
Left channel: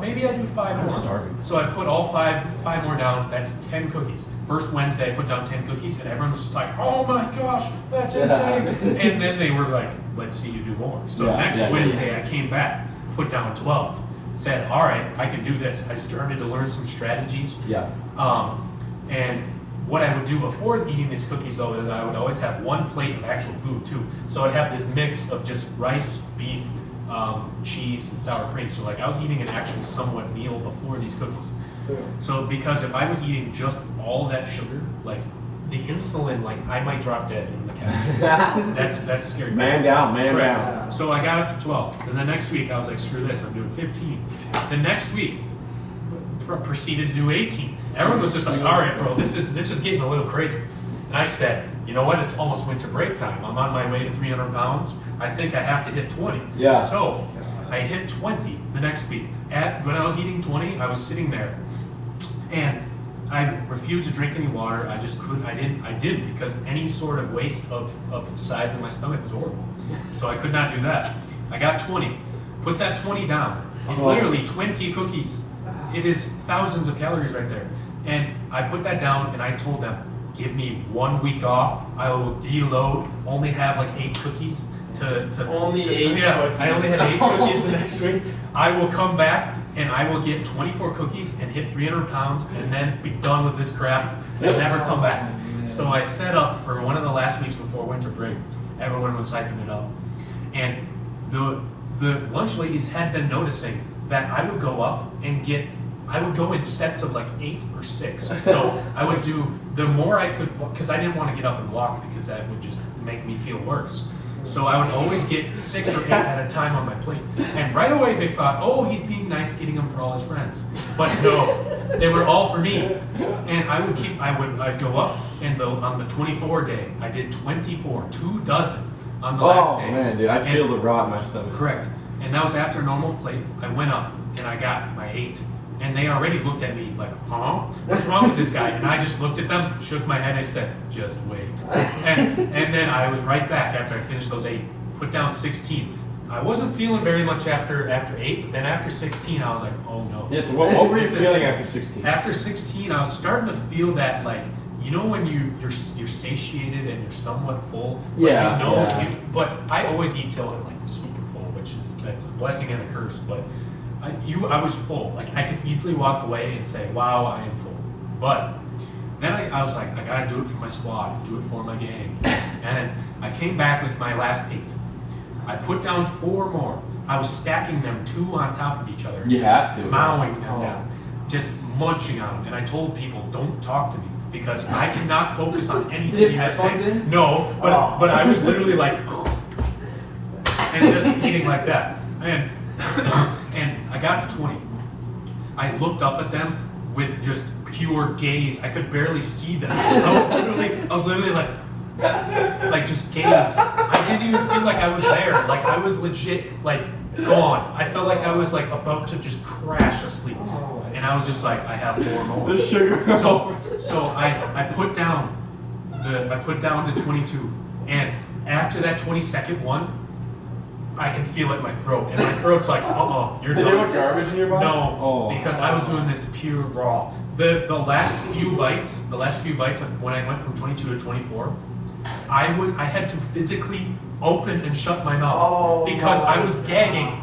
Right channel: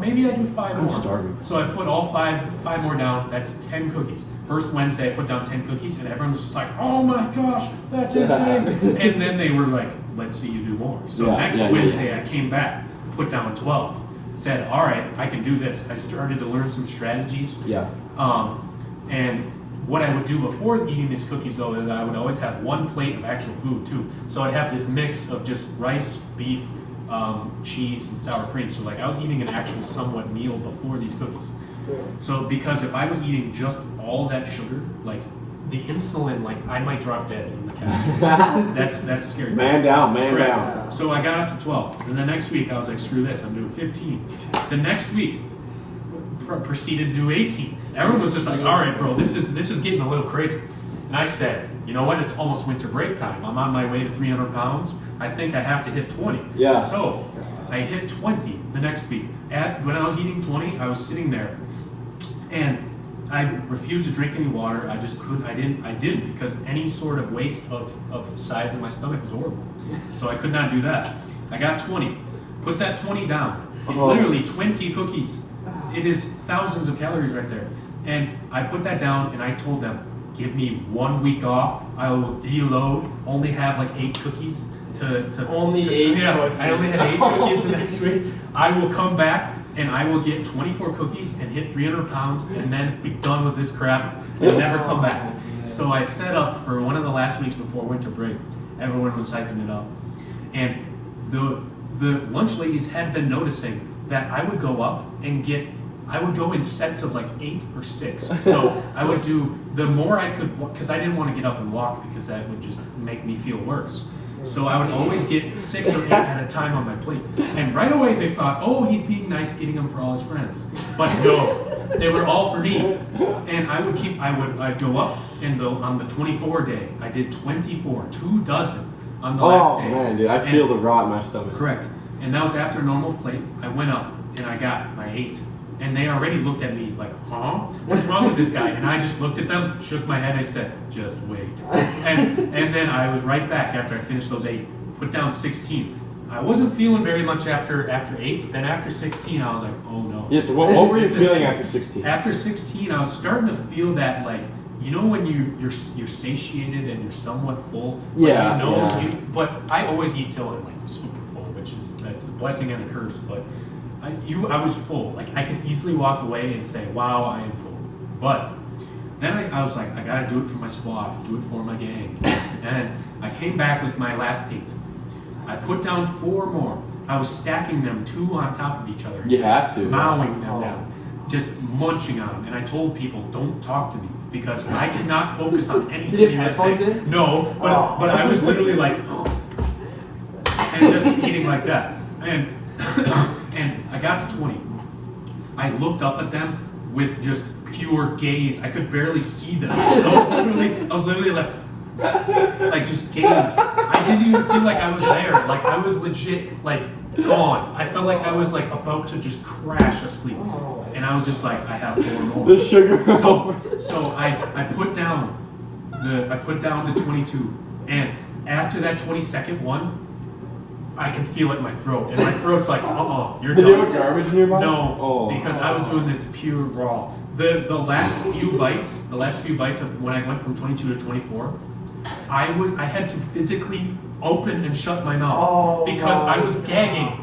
Maybe I do 5 I'm more. starving. So I put all 5 more down. That's 10 cookies. First Wednesday, I put down 10 cookies, and everyone was just like, "Oh my gosh, that's insane!" And then they were like, "Let's see you do more." So next Wednesday, I came back, put down 12. Said, "All right, I can do this." I started to learn some strategies. Yeah. And what I would do before eating these cookies, though, is I would always have one plate of actual food too. So I'd have this mix of just rice, beef, cheese, and sour cream. So like I was eating an actual somewhat meal before these cookies. So because if I was eating just all that sugar, like the insulin, like I might drop dead in the cafeteria. That's scary. Man down, man Correct. down. So I got up to 12. And the next week I was like, screw this, I'm doing 15. The next week proceeded to do 18. Everyone was just like, all right, bro, this is getting a little crazy. And I said, you know what? It's almost winter break time. I'm on my way to 300 pounds. I think I have to hit 20. Yeah. So I hit 20 the next week. When I was eating 20, I was sitting there, and I refused to drink any water. I just couldn't. I didn't because any sort of waste of size in my stomach was horrible. So I could not do that. I got 20. Put that 20 down. It's literally 20 cookies. It is thousands of calories right there. And I put that down, and I told them, give me 1 week off. I will deload. Only have like 8 cookies to Only 8 Yeah, cookies. I only had 8 cookies the next week. I will come back and I will get 24 cookies and hit 300 pounds and then be done with this crap and never come back. So I set up for one of the last weeks before winter break. Everyone was hyping it up. And the lunch ladies had been noticing that I would go up and I would go in sets of like 8 or 6. So I would do the more I could, because I didn't want to get up and walk because that would just make me feel worse. So I would always get 6 or 8 at a time on my plate. And right away they thought, oh, he's being nice getting them for all his friends. But no, they were all for me. And I'd go up, and on the 24 day, I did 24, 2 dozen on the last day. Oh man, dude, I feel the rot in my stomach. Correct. And that was after a normal plate. I went up and I got my 8. And they already looked at me like, huh? What's wrong with this guy? And I just looked at them, shook my head, I said, just wait. And then I was right back after I finished those 8. put down 16. I wasn't feeling very much after 8, but then after 16, I was like, oh no. Yeah, so what were you feeling after 16? After 16, I was starting to feel that, like, you know when you're satiated and you're somewhat full? Yeah, You know, yeah. but I always eat till I'm, like, super full, which is, that's a blessing and a curse, but I was full. Like, I could easily walk away and say, wow, I am full. But then I was like, I gotta do it for my squad, do it for my gang. And I came back with my last 8. I put down 4 more. I was stacking them 2 on top of each other. You have to. Mowing them down. Just munching on them. And I told people, don't talk to me because I could not focus on anything Did you had to headphones say. in? No, but I was literally like, and just eating like that. And I got to 20. I looked up at them with just pure gaze. I could barely see them. I was literally like just gaze. I didn't even feel like I was there. Like I was legit like gone. I felt like I was like about to just crash asleep. And I was just like, I have 4 more. The sugar. So I put down the 22, and after that 22nd one, I can feel it in my throat, and my throat's like, you're Did done. you have garbage in your body? No, because I was doing this pure raw. The last few bites of when I went from 22 to 24, I had to physically open and shut my mouth because I was gagging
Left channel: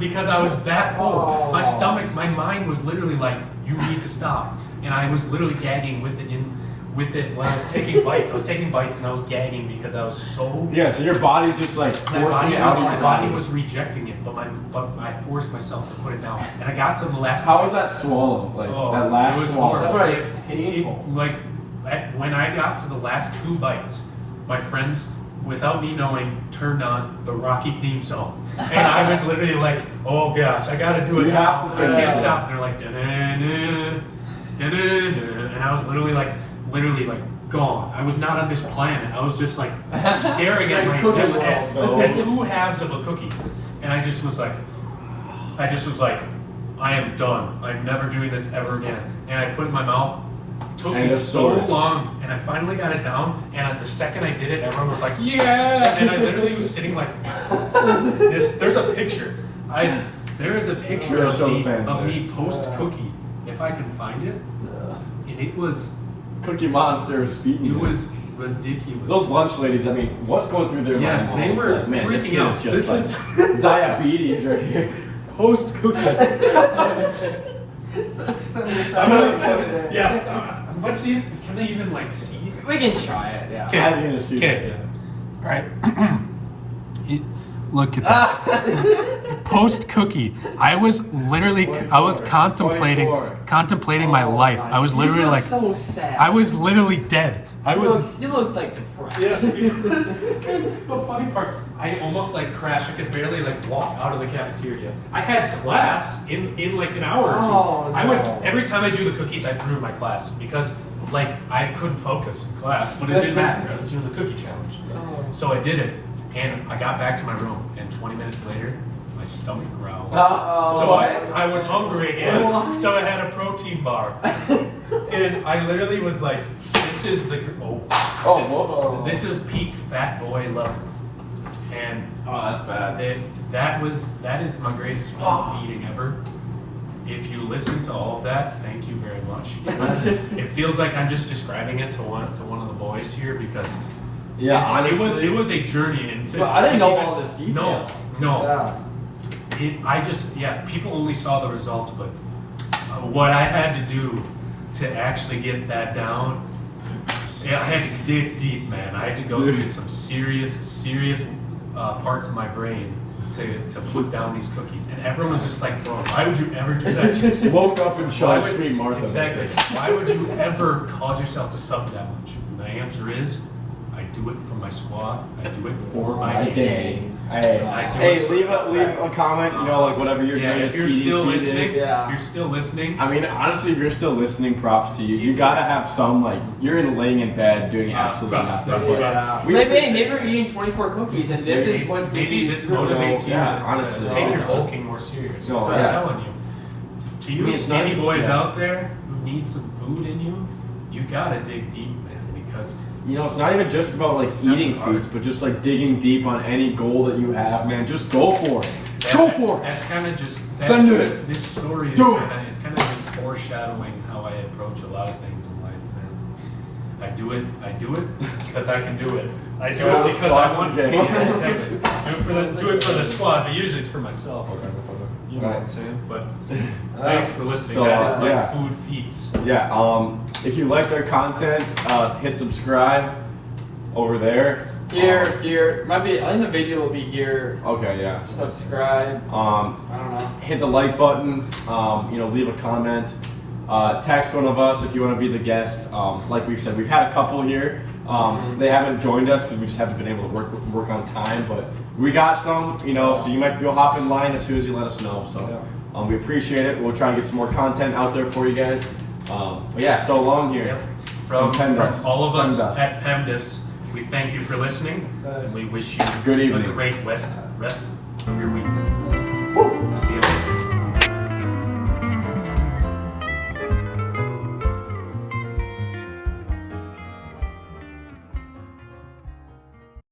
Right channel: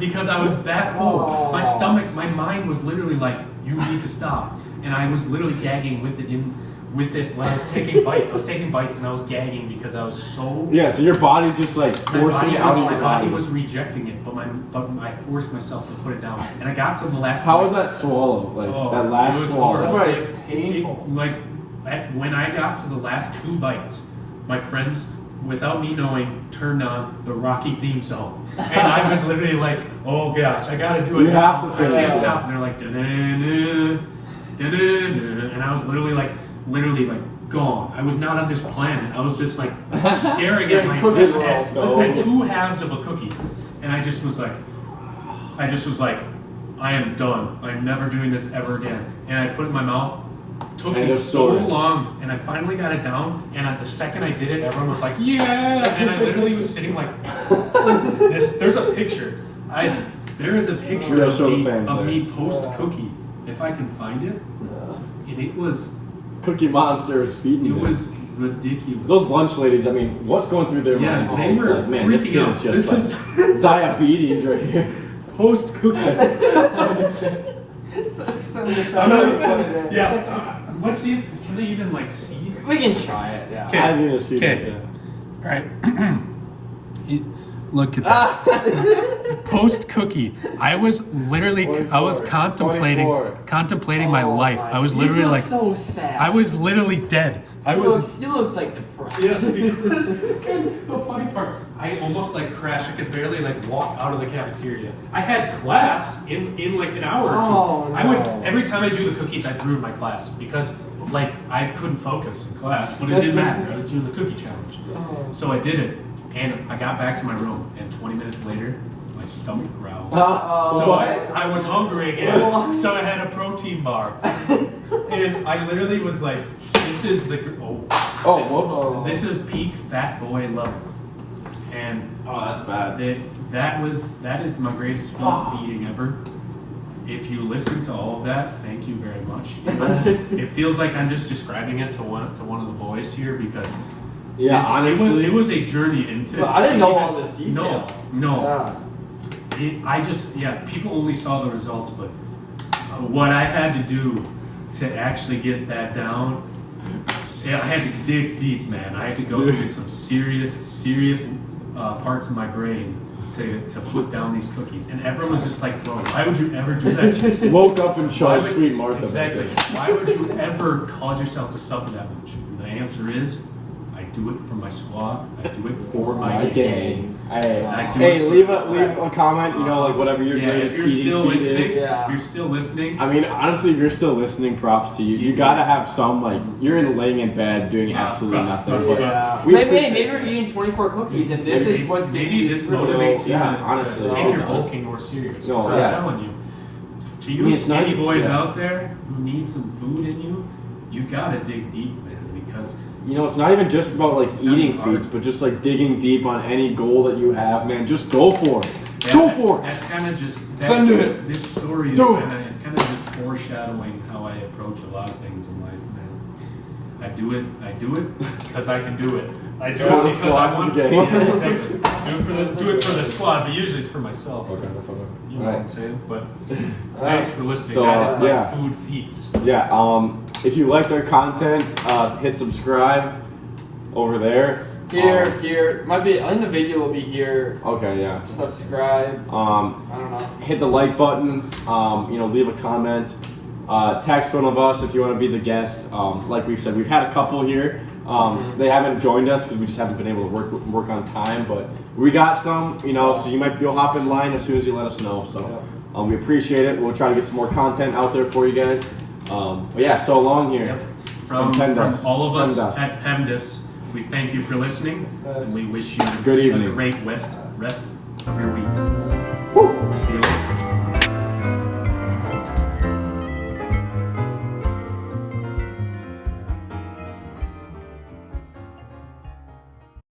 because I was that full. My stomach, my mind was literally like, you need to stop, and I was literally gagging with it when I was taking bites. I was taking bites and I was gagging because I was so. Yeah, so your body's just like forcing it out of your my body. body was rejecting it, but I forced myself to put it down, and I got to the last. How was that swallow? Like that It last was swallow? horrible. That's painful. When I got to the last 2 bites, my friends, without me knowing, turned on the Rocky theme song, and I was literally like, "Oh gosh, I gotta do it You now. have to I finish can't it." stop." And they're like, "Da-da-da, da-da-da," and I was literally like gone. I was not on this planet. I was just like staring at my at 2 halves of a cookie, and I just was like, I am done. I'm never doing this ever again. And I put it in my mouth. It took me so long, and I finally got it down. And at the second I did it, everyone was like, "Yeah!" And I literally was sitting like this. There's a picture. There is a picture of me post cookie, if I can find it. And it was. Cookie Monster was feeding you. It was ridiculous. Those lunch ladies, I mean, what's going through their minds? They were like, man, this freaking kid out. is just This like diabetes right here. Post cookie. Let's see. Can they even like see? We can try it. Yeah. Okay. All right. Look at that. Post cookie. I was literally. I was contemplating my life. I was literally like. So sad. I was literally dead. You looked like depressed. Yes, the funny part, I almost like crashed. I could barely like walk out of the cafeteria. I had class in like an hour or 2. I would every time I do the cookies, I'd ruin my class because like I couldn't focus in class, but it didn't matter. I was doing the cookie challenge, so I did it, and I got back to my room, and 20 minutes later, my stomach growled. So I was hungry again, so I had a protein bar, and I literally was like, "This is the This is peak fat boy level," and that's bad. That is my greatest feat of eating ever. If you listen to all of that, thank you very much. Because it feels like I'm just describing it to one of the boys here because honestly, it was a journey into. I didn't know all this detail. No. People only saw the results, but what I had to do to actually get that down, I had to dig deep, man. I had to go through some serious parts of my brain to put down these cookies. And everyone was just like, "Bro, why would you ever do that to yourself?" Woke up and chose Sweet Martha. Exactly. Why would you ever cause yourself to suffer that much? And the answer is, I do it for my squad. I do it for my gang. Hey, leave a comment. You know, like whatever you're doing. If you're still listening, I mean, honestly, if you're still listening, props to you. You gotta have some like you're laying in bed doing absolutely nothing. But maybe we're eating 24 cookies, and this is what's maybe this motivates you honestly, to take your bulking more serious. So, I'm telling you, to you skinny boys yeah. out there who need some food in you, you gotta dig deep, man, because you know, it's not even just about like not eating even foods, hard. but just like digging deep on any goal that you have, man. Just go for it. Yeah, Go that's- for it. That's kind of just. Then do it. This story is Do kind of. It's kind of just foreshadowing how I approach a lot of things in life, man. I do it because I can do it. I do Yeah, it because squad I want. for the Yeah, game. exactly. Do it for the squad, but usually it's for myself. You know what I'm saying? But thanks for listening. So, that is my yeah. food feats. Yeah. If you liked our content, hit subscribe over there. Here. Might be. I think the video will be here. Okay. Yeah. Subscribe. I don't know. Hit the like button. You know, leave a comment. Text one of us if you want to be the guest. Like we've said, we've had a couple here. They haven't joined us because we just haven't been able to work on time. But we got some, you know, so you'll hop in line as soon as you let us know. So we appreciate it. We'll try to get some more content out there for you guys. But yeah, so long here. Yep. From PEMDAS. all of us PEMDAS. at PEMDAS, we thank you for listening, and we wish you Good evening. a great rest of your week. See you later.